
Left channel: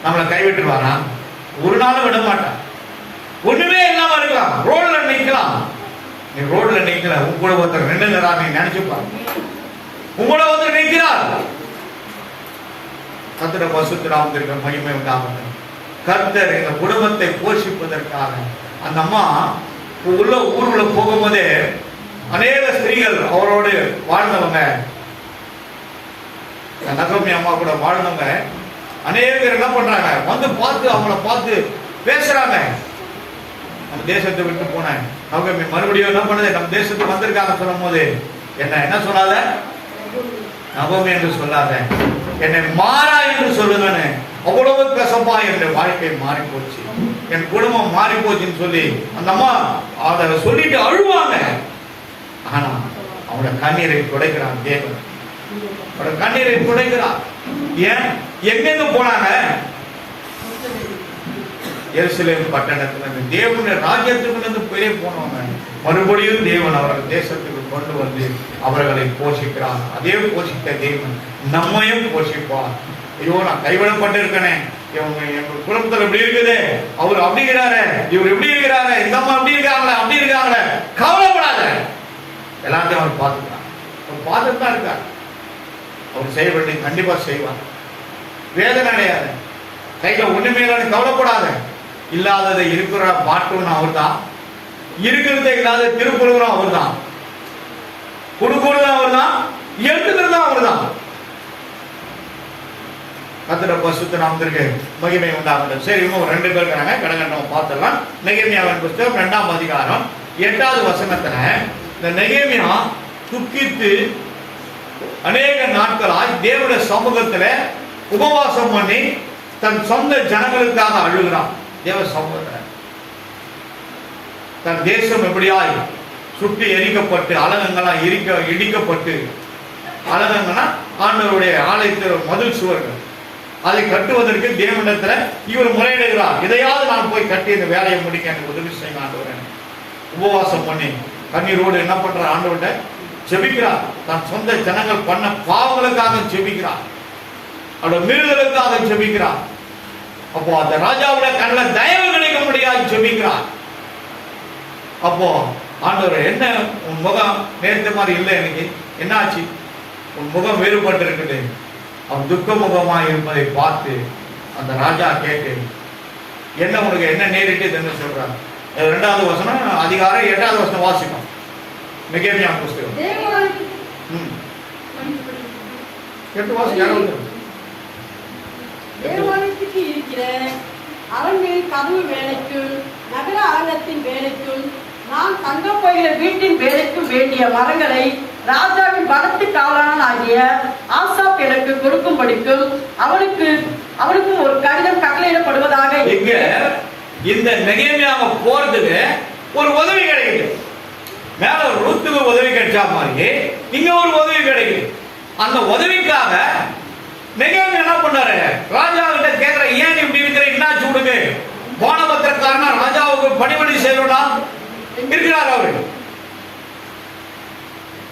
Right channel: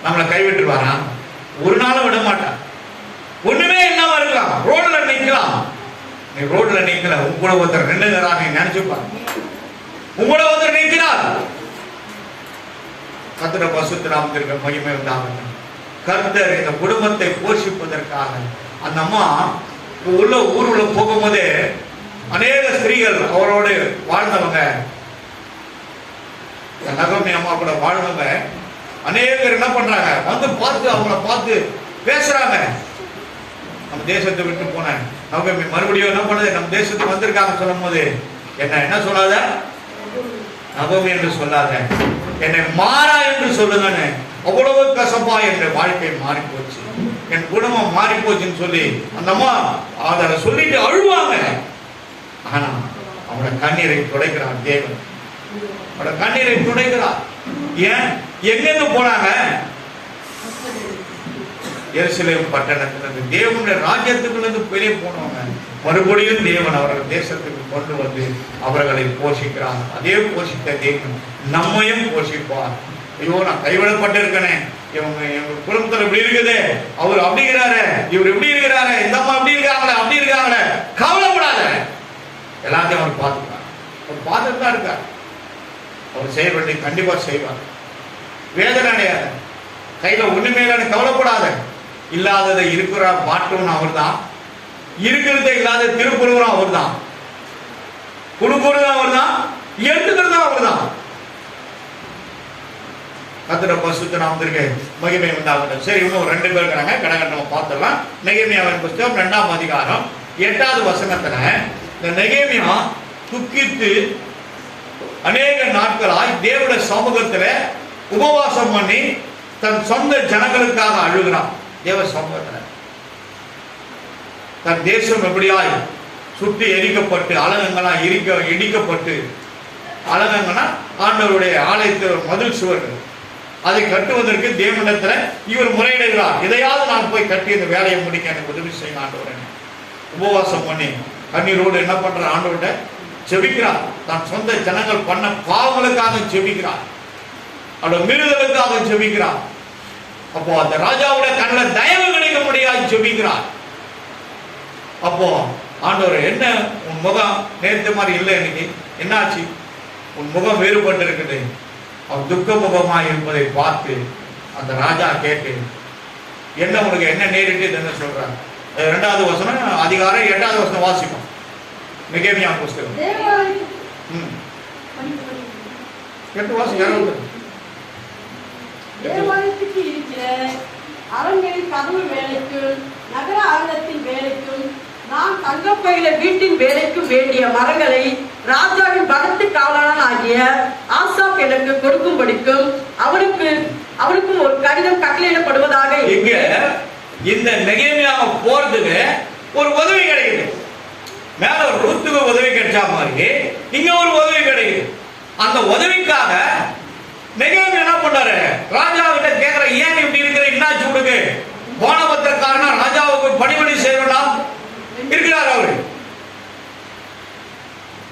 நம்மளை கைவிட்டுருவாரா? ஒரு நாளும் விட மாட்டான். ஒண்ணுமே இல்லாம இருக்கலாம், ரோட்ல நிக்கலாம். நீ ரோட்ல நிக்கல, உங்களோட ஒருத்தர் நின்னுகிறா, நீ நினைச்சுப்பா. உங்களோட ஒருத்தர் நிற்கிறார். கர்த்தருடைய பரிசுத்த நாமத்திற்கு மகிமை உண்டாகட்டும். கர்த்தர் இந்த குடும்பத்தை போஷிப்பதற்காக அந்த அம்மா ஊருக்குள்ள போகும்போதே அநேக ஸ்திரீகள் அவரோடு வாழ்ந்தவங்க, நகோமி அம்மா கூட வாழ்ந்தவங்க அநேக பேர் என்ன பண்றாங்க, பார்த்து அவங்கள பார்த்து பேசுறாங்க. நம்ம தேசத்தை விட்டு போன நகோமி மறுபடியும் என்ன பண்ணது, நம்ம தேசத்துக்கு வந்திருக்காங்க சொல்லும் போது என்ன சொல்லாத, நகோமி என்று சொல்லாத, என்னை மாறா என்று சொல்லுங்கன்னு. அவ்வளவு கசப்பா என்னுடைய வாழ்க்கை மாறி போச்சு, என் குடும்பம் மாறி போச்சுன்னு சொல்லி அந்த அம்மா அதை சொல்லிட்டு அழுவாங்க. ஆனா அவனோட கண்ணீரை துடைக்கிறான் தேவன், அவனோட கண்ணீரை துடைக்கிறான். ஏன் எங்கெங்க போனாங்க, எருசலேம் பட்டணத்திலிருந்து தேவனுடைய ராஜ்யத்துக்குள்ள பெரிய போனவங்க மறுபடியும் தேவன் அவர்கள் தேசத்துக்கு கொண்டு வந்து அவர்களை போஷிக்கிறார். அதே போஷித்த தேவன் நம்மையும் போஷிப்பார். ஐயோ நான் கைவிடப்பட்டு இருக்கேன், இவங்க எங்க குடும்பத்துல இப்படி இருக்குது, அவர் அப்படிங்கிறாரு, இவர் இப்படி இருக்கிறாங்க, இந்த அம்மா அப்படி இருக்காங்களே அப்படி இருக்காங்களே, கவலைப்படாத, எல்லாத்தையும் அவர் பார்த்துக்கிறார். அவர் பார்த்துட்டு தான் இருக்கார். அவர் செய்ய வேண்டிய கண்டிப்பா செய்வார். வேதனை அடையாது, கையில ஒண்ணுமே இல்லைன்னு கவலைப்படாத. இல்லாததை இருக்கிற மாற்றம்னு அவர் தான், இருக்கிறத இல்லாத திருக்குறளும் அவர் தான், கொடுக்குறதும் அவர் தான், எடுத்துக்கிறதும் அவர் தான். கர்த்தருடைய பரிசுத்த நாமத்திற்கு மகிமை உண்டாகட்டும். சரி, இன்னும் 2 பேர் இருக்காங்க, கடகண்டமா பார்த்துடலாம். நெகேமியாவின் புத்தகம் 2ஆம் அதிகாரம் 8வது வசனத்துல இந்த நெகேமியா துக்கித்து அநேக நாட்களாய் தேவனுடைய சமூகத்துல உபவாசம் பண்ணி தன் சொந்த ஜனங்களுக்காக அழுகிறான். தேவ சமூகத்துல தன் தேசம் எப்படியாய் சுற்றி எரிக்கப்பட்டு அலங்கங்களாம் இடிக்கப்பட்டு, அலங்கங்கன்னா ஆண்டவருடைய ஆலயத்தில் மதில் சுவர்கள், அதை கட்டுவதற்கு தேவனிடத்துல இவர் முறையிடுகிறார். இதையாவது நான் போய் கட்டி இந்த வேலையை முடிக்க எனக்கு உதவி செய்ய ஆண்டவர். உபவாசம் பண்ணி கண்ணீரோடு என்ன பண்ற, ஆண்டவர்கிட்ட ஜெபிக்கிறார். தன் சொந்த ஜனங்கள் பண்ண பாவங்களுக்காக ஜெபிக்கிறார், அவருடைய மீறுதலுக்காக ஜெபிக்கிறார். அப்போ அந்த ராஜாவுடைய கண்ணில் தயவு கிடைக்க முடியாது ஜெபிக்கிறார். அப்போ ஆண்டவர், என்ன உன் முகம் நேர்த்த மாதிரி இல்லை, இன்னைக்கு என்ன ஆச்சு, உன் முகம் வேறுபட்டு இருக்குது, அவன் துக்க முகமா இருப்பதை பார்த்து அந்த ராஜா கேட்டு, என்ன உனக்கு என்ன நேரிட்டு சொல்றார். 2வது வசனம் அதிகாரம் 8வது வசனம் வாசிப்போம். நெகேமியா புஸ்தகம். தேவாலயத்துக்கு இருக்கிற அரண்களின் கதவு வேலைக்கும் நகர ஆலயத்தின் வேலைக்கும் நான் தங்கப்பயில வீட்டின் வேலைக்கும் வேண்டிய மரங்களை ராஜாவின் பலத்து காவலன் ஆகிய ஆசாப் எனக்கு கொடுக்கும்படிக்கும் அவனுக்கும் ஒரு கடிதம் கட்டளையிடப்படுவதாக. இங்க இந்த நெகேமியாவை போறதுக்கு ஒரு உதவி கிடைக்குது. மேல ஒரு ரூத்துக்கு உதவி கிடைச்சா மாதிரி இங்க ஒரு உதவி கிடைக்குது. அந்த உதவிக்காக நெகேமியா என்ன பண்றாரு? ராஜாவிட்ட கேட்கிற, ஏன் இப்படி இருக்கிற, என்னாச்சு உனக்கு? போனபத்திரக்காரனா ராஜாவுக்கு பணிபடி செய்யலாம் இருக்கிறார் அவரு.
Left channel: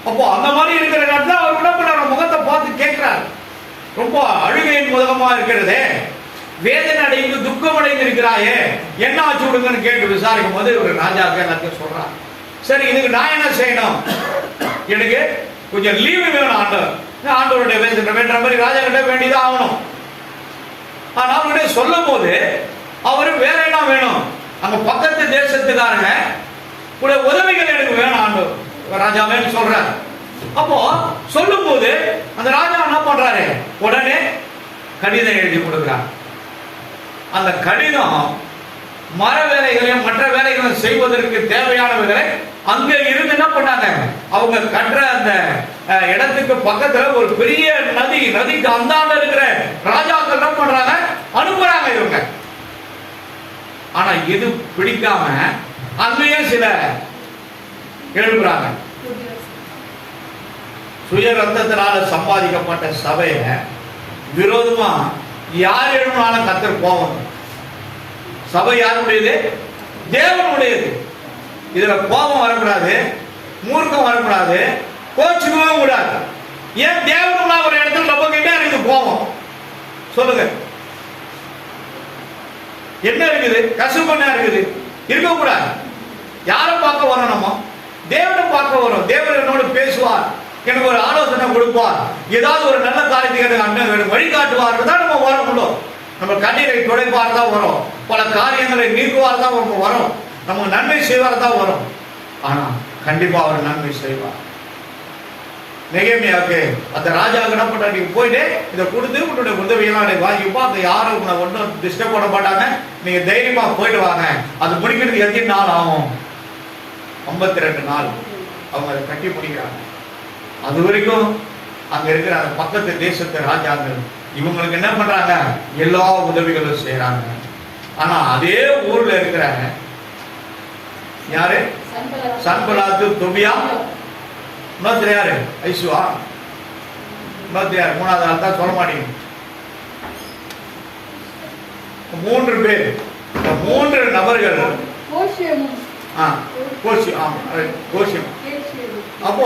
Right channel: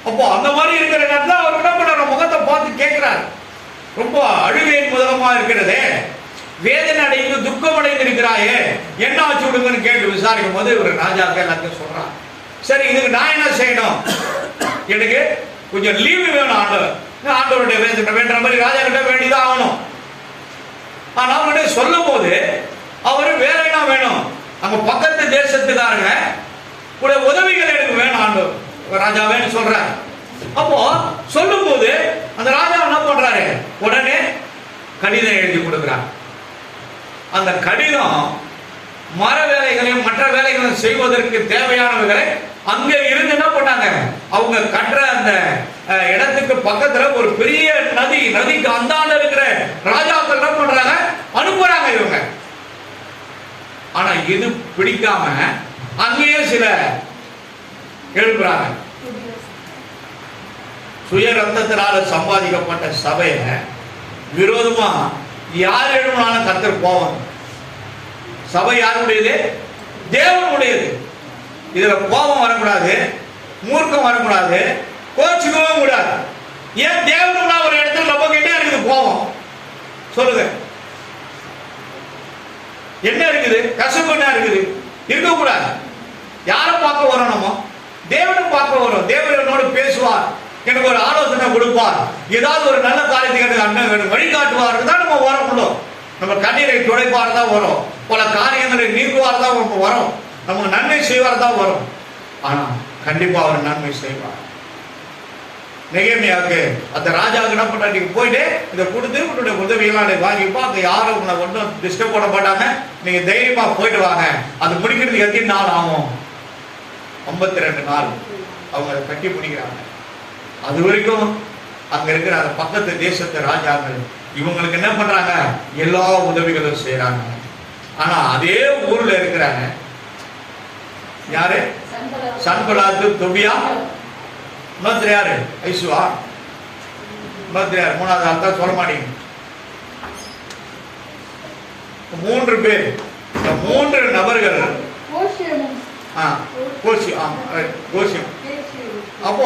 அப்போ அந்த மாதிரி இருக்கிற நேரத்தில் அவர் என்ன பண்றாரு? முகத்தை பார்த்து கேட்கிறார். ரொம்ப அழுகையின் முதலமா இருக்கிறதே, வேதனை அடைந்து துக்கம் அடைந்து இருக்கிறாயே, என்ன ஆச்சு விடுங்கன்னு கேட்டு விசாரிக்கும் போது இவர் ராஜாவுக்கு எல்லாத்தையும் சொல்றார். சரி, இதுக்கு நான் என்ன செய்யணும்? எனக்கு கொஞ்சம் லீவு வேணும் ஆண்டவர். ஆண்டவருடைய வேண்ட மாதிரி ராஜா கிட்ட வேண்டிதான் ஆகணும். ஆனா அவர்கிட்ட சொல்லும் போது அவரு வேலையெல்லாம் வேணும், அங்க பக்கத்து தேசத்துக்காரங்க உதவிகள் எனக்கு வேணும் ஆண்டவர் ராஜாவேன்னு சொல்றாரு. அப்போ சொல்லும் போது அந்த ராஜா என்ன பண்றாரு? உடனே கடிதம் எழுதி கொடுக்கிறார். அந்த கடிதம் மர வேலைகளையும் மற்ற வேலைகளும் செய்வதற்கு தேவையானவர்களை அங்க இருந்து என்ன பண்ணாங்க, அவங்க கட்டுற அந்த இடத்துக்கு பக்கத்துல ஒரு பெரிய நதிக்கு அந்தாண்ட இருக்கிற ராஜாக்கள் என்ன பண்றாங்க, அனுப்புறாங்க இவங்க. ஆனா இது பிடிக்காம அங்கேயே சில எழுப்புறாங்க. சுய ரத்தத்தினால சம்பாதிக்கப்பட்ட சபையில விரோதமா யார் எழுப்பினாலும் கர்த்தர் கோபம். சபை யாருடையது? தேவனுடையது. இதுல கோபம் வரக்கூடாது, மூர்க்கம் வரக்கூடாது, கோச்சுக்கவும் கூடாது. ஏன் தேவனுள்ள ஒரு இடத்துல நம்ம கிட்ட இருக்குது கோபம்? சொல்லுங்க, என்ன இருக்குது? கசுப்பு என்ன இருக்குது? இருக்கக்கூடாது. யாரை பார்க்க வரோம்? நம்ம தேவனை பார்க்க வரோம். தேவன் என்னோடு பேசுவார், எனக்கு ஒரு ஆலோசனை கொடுப்பார், ஏதாவது ஒரு நல்ல காரியத்துக்கு அண்ணன் வழிகாட்டுவார் தான் நம்ம வர முடியும். நம்ம கண்ணீரை துடைப்பார் தான் வரும், பல காரியங்களை நீக்குவார் தான் வரும், நமக்கு நன்மை செய்வார் தான் வரும். ஆனா கண்டிப்பா அவர் நன்மை செய்வார். நெகேமியாவுக்கு அந்த ராஜா என்ன பண்ற, நீங்க போயிட்டு இதை கொடுத்து உன்னுடைய உதவியெல்லாம் வாங்கிப்பா, அந்த யாரும் உங்களை ஒன்றும் டிஸ்டர்ப் பண்ண மாட்டாங்க, நீங்க தைரியமா போயிட்டு வாங்க. அது முடிக்கிறதுக்கு எத்தனை நாள் ஆகும்? 52 நாள் அவங்க அதை கட்டி முடிக்கிறாங்க. அது வரைக்கும் அங்க இருக்கிற அந்த பக்கத்து தேசத்து ராஜாக்கள் இவங்களுக்கு என்ன பண்றாங்க, எல்லா உதவிகளும் செய்யறாங்க. ஆனா அதே ஊர்ல இருக்கிறாங்க யாரு? சன்பலாத்து, தொபியா, இன்னொருத்தர் யாரு? ஐசுவா, இன்னொருத்தர் யாரு? 3வது ஆள் தான் சொல்ல மாட்டீங்க. 3 பேர். 3 நபர்கள். அப்போ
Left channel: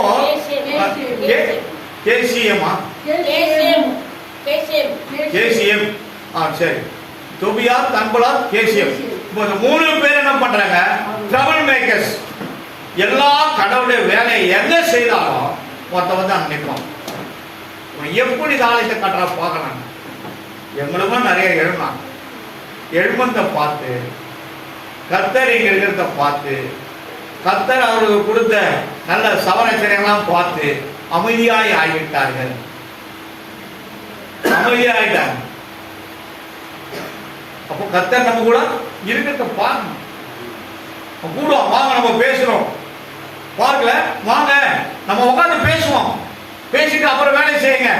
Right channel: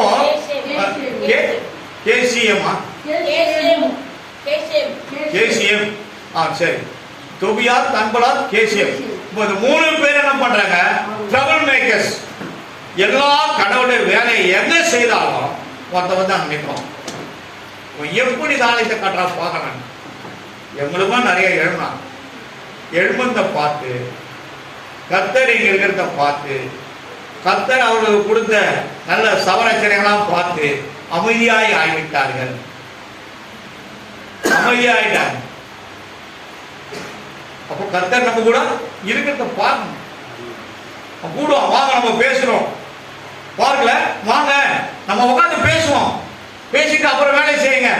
கேசிஎம் சரி, தொபியா, தன்பலாத், கேசிஎம். இப்போ இந்த 3 பேர் என்ன பண்றாங்க? Trouble makers. எல்லா கடவுளுடைய வேலையை எங்க செய்தாலும் மொத்தம் வந்து அங்க நிற்கும். எப்படி ஆலயத்தை கட்டுறா பார்க்கலாம். எங்களுக்கும் நிறைய எழுமந்த பார்த்து, கர்த்தர் இங்க இருக்கிறத பார்த்து, கர்த்தர் அவர்களுக்கு கொடுத்த நல்ல சவரச்சனைகளாம் பார்த்து அமைதியாய் ஆகிவிட்டார்கள். அமைதியாயிட்டாங்க. அப்போ கர்த்தர் நம்ம கூட இருக்கிறத பார்க்கணும். கூடுவோம், வாங்க நம்ம பேசுறோம், பார்க்கல வாங்க நம்ம உட்காந்து பேசுவோம், பேசிட்டு அப்புறம் வேலை செய்யுங்க.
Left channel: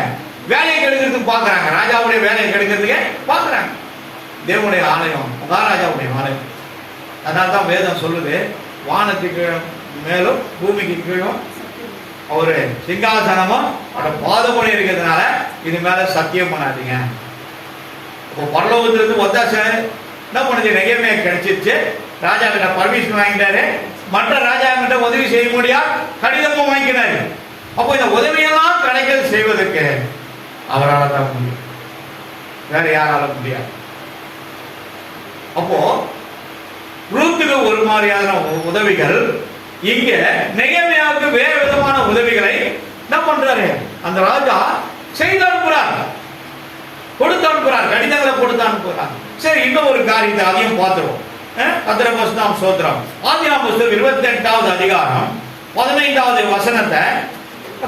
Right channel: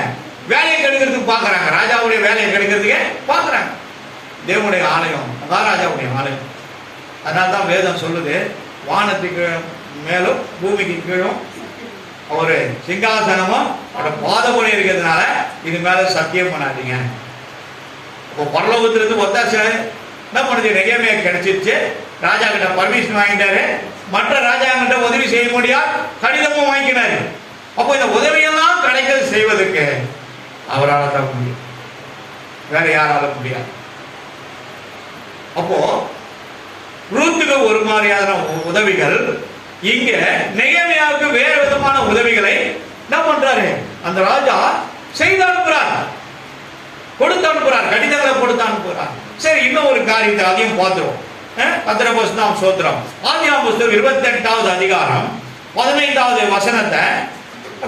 வேலையை கெடுக்கிறதுக்கு பாக்குறாங்க, ராஜாவுடைய வேலையை கெடுக்கிறதுக்கு பாக்குறாங்க. தேவனுடைய ஆலயம் மகாராஜாவுடைய ஆலயம். அதனால்தான் வேதம் சொல்லுது, வானத்துக்கு மேலும் பூமிக்கு கீழும் ஒரு சிங்காசனமும் அவரோட பாதமுறை இருக்கிறதுனால இது மேல சத்தியம் பண்ணாதீங்க. இப்போ பரலோகத்திலிருந்து ஒத்தாசை என்ன பண்ணுது? நெகேமியா கிடைச்சிருச்சு. ராஜா கிட்ட பர்மிஷன் வாங்கிட்டாரு, மற்ற ராஜா கிட்ட உதவி செய்ய முடியா, கடிதமும் வாங்கினாரு. அப்போ இந்த உதவியெல்லாம் கிடைக்க செய்வதற்கு அவரால் தான் முடியும், வேற யாரால முடியாது. அப்போ ரூத்துக்கு ஒரு மாதிரியான உதவிகள், இங்க நெகேமியாவுக்கு வேற விதமான உதவிகளை என்ன பண்றாரு? அந்த ராஜா செய்து அனுப்புறார், கொடுத்து அனுப்புறார், கடிதங்களை கொடுத்து அனுப்புறார். சரி, இன்னும் ஒரு காரியத்தை அதையும் பார்த்துருவோம். கர்த்தருடைய பரிசுத்த ஸ்தோத்திரம். ஆதியாகமம் புத்தகம் 28வது அதிகாரம் 15வது வசனத்தை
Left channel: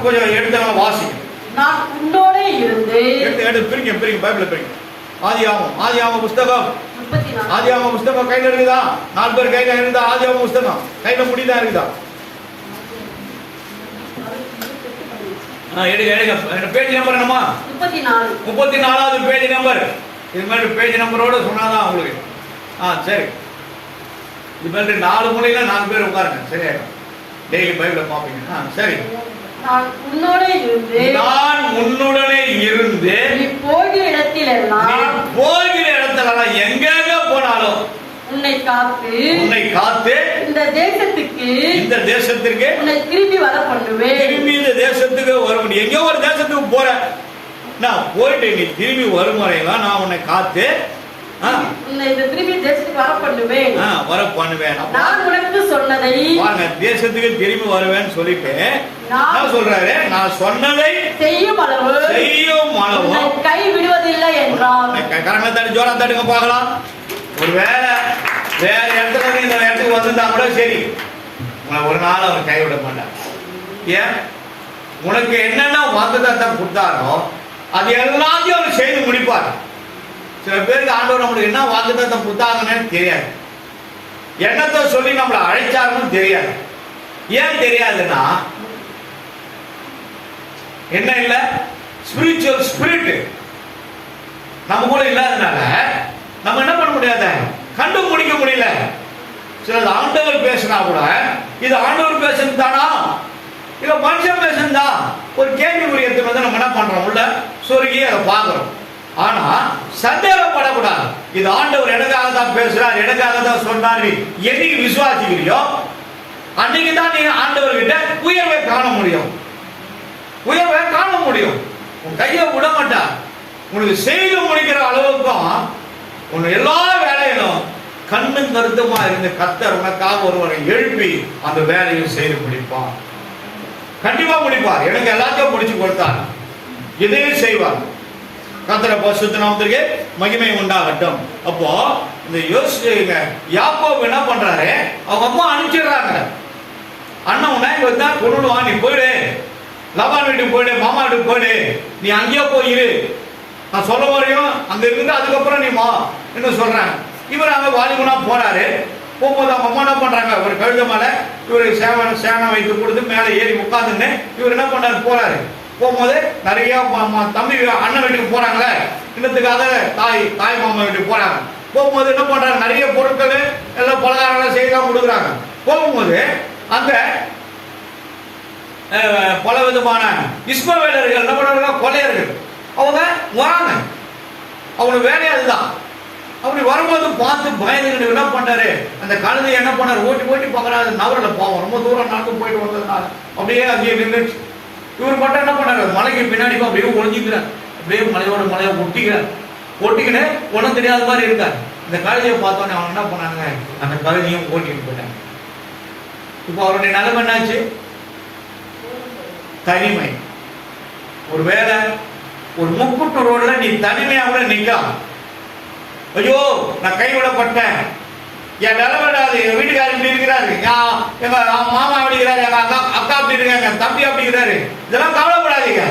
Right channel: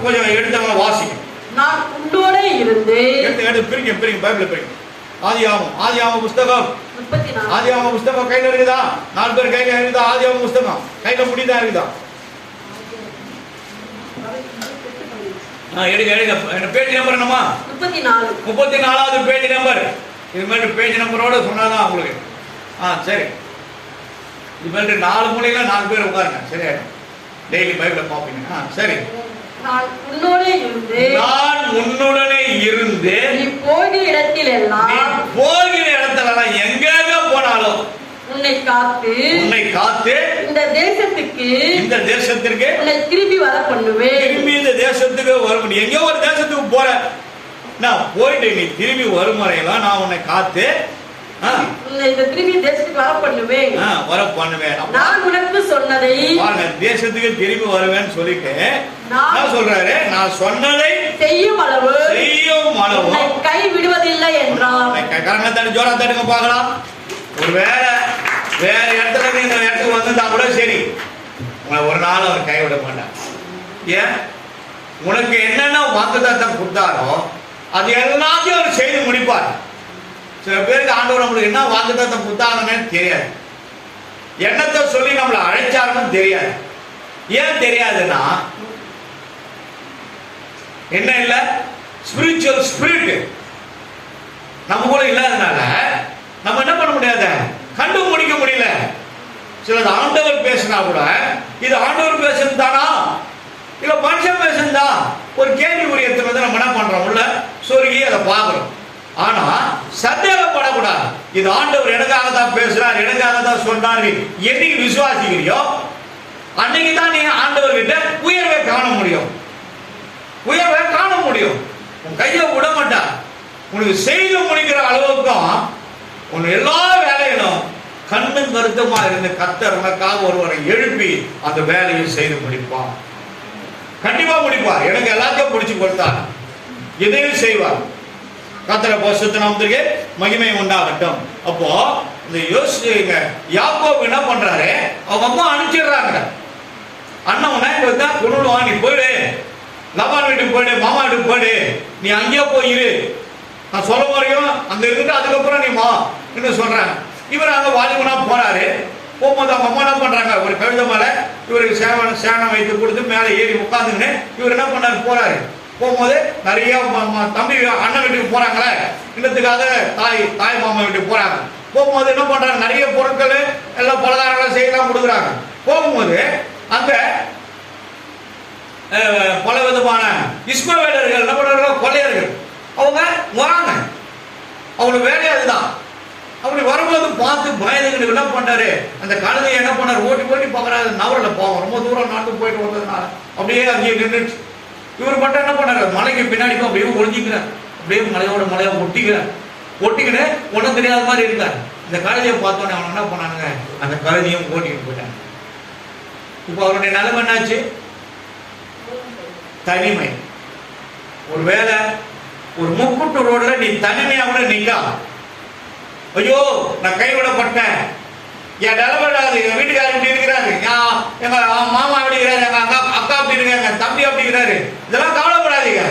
கொஞ்சம் எடுத்தவங்க வாசிங்க. நான் உன்னோடே இருந்து எடுத்து பிரிங்க பைபிள பிரிங்க. ஆதியாகமம் புஸ்தகம் 34. ஆதியாகமம் புஸ்தகம் கையில இருக்குதா? 4 பேர் கையில இருக்குதா? ஆதியாகமம் புஸ்தகம் கையில முடிதா இருக்குதா? எடுங்க. பேஜ் நம்பர் என்னமா? 34வது பேஜ் நம்பர். இது மாதிரி பேஜ் நம்பரோட சொன்னாதான் உங்களுக்கு. சரி. இது மாதிரி 4 மூலையில 4 பேர் உட்காருங்க. சரியாயிடும். டெய்லி பைபிள பாப்பீங்க. சரி. நான் உன்னுடனே இருந்து நீ போகிற இடத்திலெல்லாம் எங்க போனாலும் உன்னை காத்து இந்த தேசத்திற்கு உன்னை திரும்பி வர பண்ணுவேன். திரும்பி இந்த தேசத்துக்கு வர முடியும். எங்கேயோ ஒரு தேசத்துக்கு போற நான் போயிட்டு நீ திரும்பி வரும் வரையெல்லாம் நான் உன்னை காத்து திரும்பி தேசத்துக்கு வர பண்ணுவேன். நான் உனக்கு சொன்னதை தேசத்துக்கு திரும்பி வருவேன்னு சொல்லிட்டு நான் சொல்றாரு, நான் சொன்னதை செய்யும் அளவு கை விடுவதில்லை என்றார். காரணத்தாடி ஜோரா தட்டுங்க பார்க்கலாம். ஒரு வேற இடத்துல இருந்து இந்த இடத்துக்கு வந்துட்டா கூட சரி, உங்களை ஒரு நாள் அவர் கைவிட மாட்டார். ஏன்? உனக்கு என்னென்ன வாக்குத்தத்தம் கொடுத்தாரோ அது எல்லாத்தையும் அவர் செய்து முடிப்பார். சில பேருக்கு ஆண்டவர் நம்மளுக்கு என்ன வாக்குத்தத்தம் கொடுத்தாங்கன்னு தெரியாது, எண்ணத்தை சொல்லி நம்மளை அழைச்சாருன்னு தெரியாது. ஏன் தெரியாதுன்னா என்ன இல்ல, ஸ்பிரிச்சுவல் ஸ்பிரிட் நம்ம கூட இல்லாதனால நம்ம என்ன பண்ண முடியாத, கண்டுபிடிக்க முடியல. சிலது ஆண்டவர் பேசினா கூட இது ஆண்டவர் பேசுறது தானா இல்ல மனுஷன் பேசுறதா ஒரு கேள்விக்குரியத்தை வந்து நம்ம என்ன பண்றோம், உள்ள சொருகி அதை பார்க்கிறோம். ஆனா சந்தேகப்படக்கூடாது. இது ஆண்டவர் எனக்காக தான் பேசுறார், எனக்காக தான் சொன்னார். என்னைக்கு விசுவாசிக்கிறியோ அன்னைக்கு தான் நீ ஆண்டவர் கிட்ட உயர்வை காண முடியும். உன் கையை விட மாட்டா. உனக்கு செய்து முடிக்கிற அளவுக்கும் உன் எல்லா வேலையிலும் கண்ணும் கருத்துமா இருந்து கர்த்தர் உனக்காக ஒருவரை எழுப்பி அந்த வேலையை செய்து முடிப்பார். கண்டிப்பா முடிப்பார். எனக்கு எல்லாத்தையும் முடிச்சு கொடுத்தார், இதையும் செய்வார். கர்த்தர் பரிசுத்த நாமத்திற்கு மகிமை உண்டாகட்டும். அப்போ இந்த யோசிங்க, யாக்கோபு என்ன பண்றாரு, அவங்க அம்மா அனுப்பிச்சிடுறாங்க. அண்ணன் தான் பொருள் வாங்கி போயிடு, லபான் வீட்டுக்கு போயிடு, மாமா வீட்டுக்கு போயிடு, நீ அங்கேயே போயிரு, நான் சொல்ல வரையும் அங்க இருந்து அதுக்கப்புறம் நீ மா என்ன சொல்றாங்க. இவர் அங்க வாலிபனா போறாரு. போகும்போது அவங்க அம்மா என்ன பண்றாங்க, ஒரு கழுத மேல இவருக்கு சேனம் வைத்து கொடுத்து மேல ஏறி உட்காந்துன்னு இவர் என்ன பண்றாரு, போறாரு. போகும்போது நிறைய தம்பி அண்ணன் வீட்டுக்கு போறாங்களே, இன்னத்துக்காக தாய் மாமா வீட்டுக்கு போறாங்க. போகும்போது என்ன பண்றாங்க, நிறைய பொருட்கள் எல்லாம் பலகாரங்கள் செய்யலாம் கொடுக்குறாங்க. போகும்போது அங்க பல விதமான இஸ்மவேலர்கள் என்ன பண்றாங்க, கொள்ளையர்கள் அவங்க வராங்க. அவங்களுக்கு வேலையா அதுதான். அப்படி வரும்போது பார்த்து பயந்துகிட்டு என்ன பண்றாரு, அந்த கழுதையை என்ன பண்ணாரு, ஓட்டி பார்க்கறாரு. நவரில் போவோம், ரொம்ப தூரம் நாட்டு போயிட்டு வந்ததுனால அப்படியே அங்கேயே நின்றுச்சு. இவர் மட்டும் என்ன பண்ணாரு, மலைக்கு பின்னாடி அப்படியே ஒழிஞ்சிக்கிறார். அப்படியே மலையை ஒட்டிக்கின்னு ஒன்றும் தெரியாத மாதிரி இருந்தார். இந்த கழுதையை பார்த்தோன்னே அவன் என்ன பண்ணாங்க, அந்த கழுதையும் ஓட்டிட்டு போயிட்டாங்க. இப்போ அவருடைய நிலைமை என்னாச்சு, தனிமை. ஒரு வேலை ஒரு முக்கூட்டு ரோடுல நீ தனிமையா கூட நிக்கலாம். ஐயோ நான் கைவிடப்பட்டேன், என் நிலவிடாது, எங்க வீட்டுக்காரர் இப்படி இருக்கிறாரு, எங்க மாமா அப்படி இருக்கிறாரு, எங்க அக்கா அப்படி இருக்காங்க, தம்பி அப்படி இருக்கிறாரு, இதெல்லாம் கவலைப்படாதீங்க.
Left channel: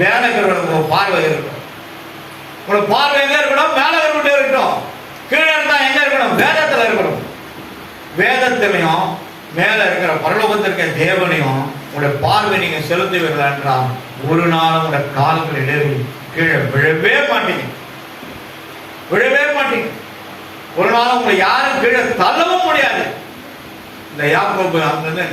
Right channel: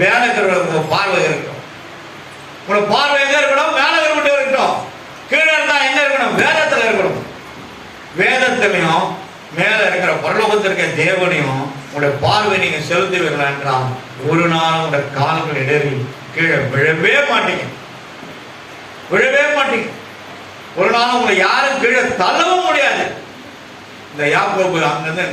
மேல இருக்கிற பார்வை இருக்கும். உங்களோட பார்வை எங்க இருக்கணும், மேல மட்டும் இருக்கணும். கீழே இருந்தா எங்க இருக்கணும், வேதத்துல இருக்கணும். வேதத்திலையும் மேல இருக்கிற பரலோகத்தில் இருக்க தேவனையும் உங்களுடைய பார்வை நீங்க செலுத்துவீர்களா என்றால் ஒரு நாள் உங்களுடைய கால்கள் இடறி கீழே விழவே மாட்டீங்க. ஒரு நாள் உங்களை யாரும் கீழே தள்ளவும் முடியாது. இந்த யாக்கோபு அங்கிருந்து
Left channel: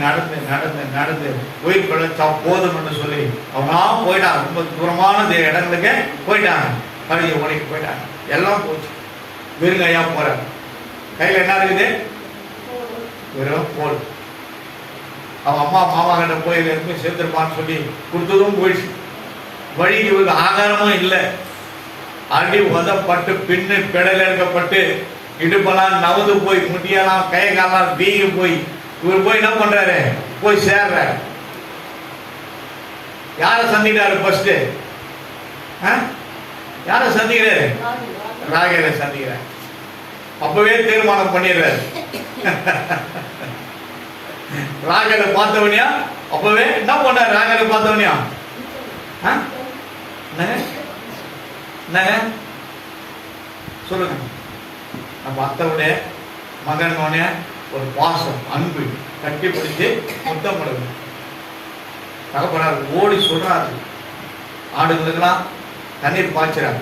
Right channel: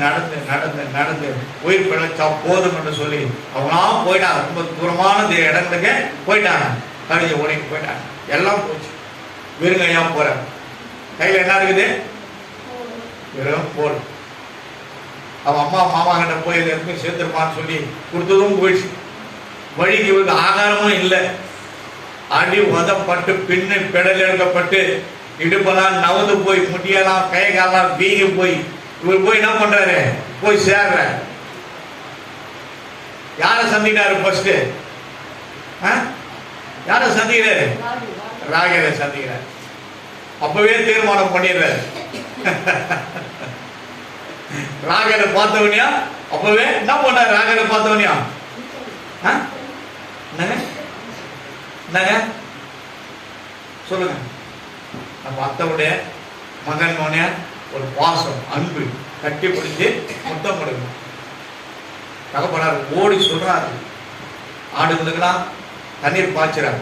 நடந்து உயிர் பிழைச்சா போதும் என்று சொல்லி அவனா போயிட்டாங்க. ரொம்ப தூரமான இடங்களுக்கு போயிட்டாங்க. கழுதை ஓடிட்டு போயிட்டாங்க. எல்லாம் போச்சு. வெறுங்கையா போற, கையில என்ன இருக்குது, வெறும் போர். அவன் அம்மா மாமா கிட்ட போய் எதுவுமே சேர்த்துருப்பான்னு சொல்லி கொடுத்ததும் போயிடுச்சு. வழிக்கு இவருக்கு ஆகாரமும் இல்லை. அடி உதப்பட்டு பின்னு பெடல் எடுக்கப்பட்டு இடுப்பெல்லாம் நவந்து போய் முட்டியெல்லாம் கை காலாம் வீங்கி போய் இவர் போய் என்ன பண்றாரு, போய் சேர்ற. யார சந்திக்கிறாரு ஃபர்ஸ்ட், யார சந்திக்கிறாரு, ராகேலை சந்திக்கிறார். அப்பவே தீர்மானம் பண்ணிடுறாரு. ராகலை பார்த்தவனியா அப்பவே என்ன பண்ணார்? ராகலை பார்த்தவனியா என்னங்க சொல்லுங்க. நம்ம அத்தவுடைய மகனோட ஒரு பாசம், அன்பு, கட்டி பிடிச்சு மொத்தம் கொடுங்க. தகப்பனார் ஓடி சொல்றாரு, ஆடுங்களுக்கெல்லாம் தண்ணீர் பாய்ச்சுறாரு.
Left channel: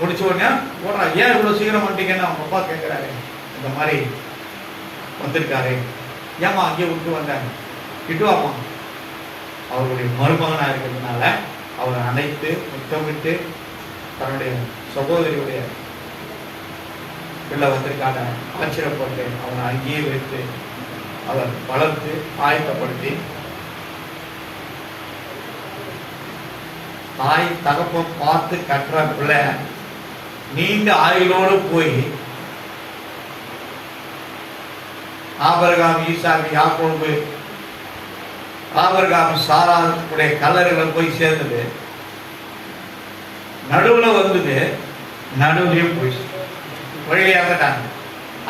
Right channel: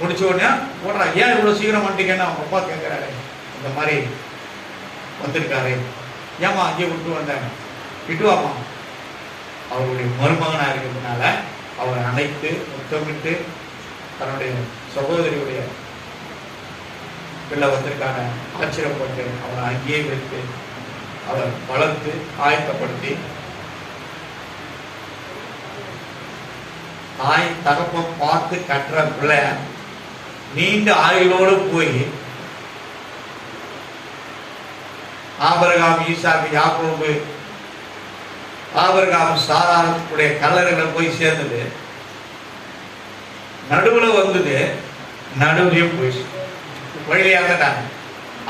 முடிச்ச உடனே ஓடுறா. ஏன் இவ்வளவு சீக்கிரம் வந்துட்டீங்கன்னு அவங்க அப்பா கேட்கிறாரு. இந்த மாதிரி வந்திருக்காரு, ஏமா அங்கேயே விட்டு வந்தாங்க, விட்டுவாமா. அவருடைய மருமகனா இருக்கிறதுனால அவரை அணைத்து முத்தமிட்டு தன்னுடைய சகோதரியுடைய பிள்ளை வந்திருக்கான ஆச்சரியப்பட்டு அவரை அங்கேயே வைத்து அவர் வளர்த்து ஆயத்தப்படுத்தி தாய் தகப்பு பார்த்து கட்டுற பிள்ளை நீண்ட ஆயுளோடு போய் ஆபிரகாம், ஈசாக்கு, யாக்கோபு, ஆபிரகாம், சாராவுடைய கல்லறைகளை போய் சேர்ந்தது. நடுவுல வந்தது, நடுவுலையும் போயிடுச்சு. வழியாகட்டாங்க,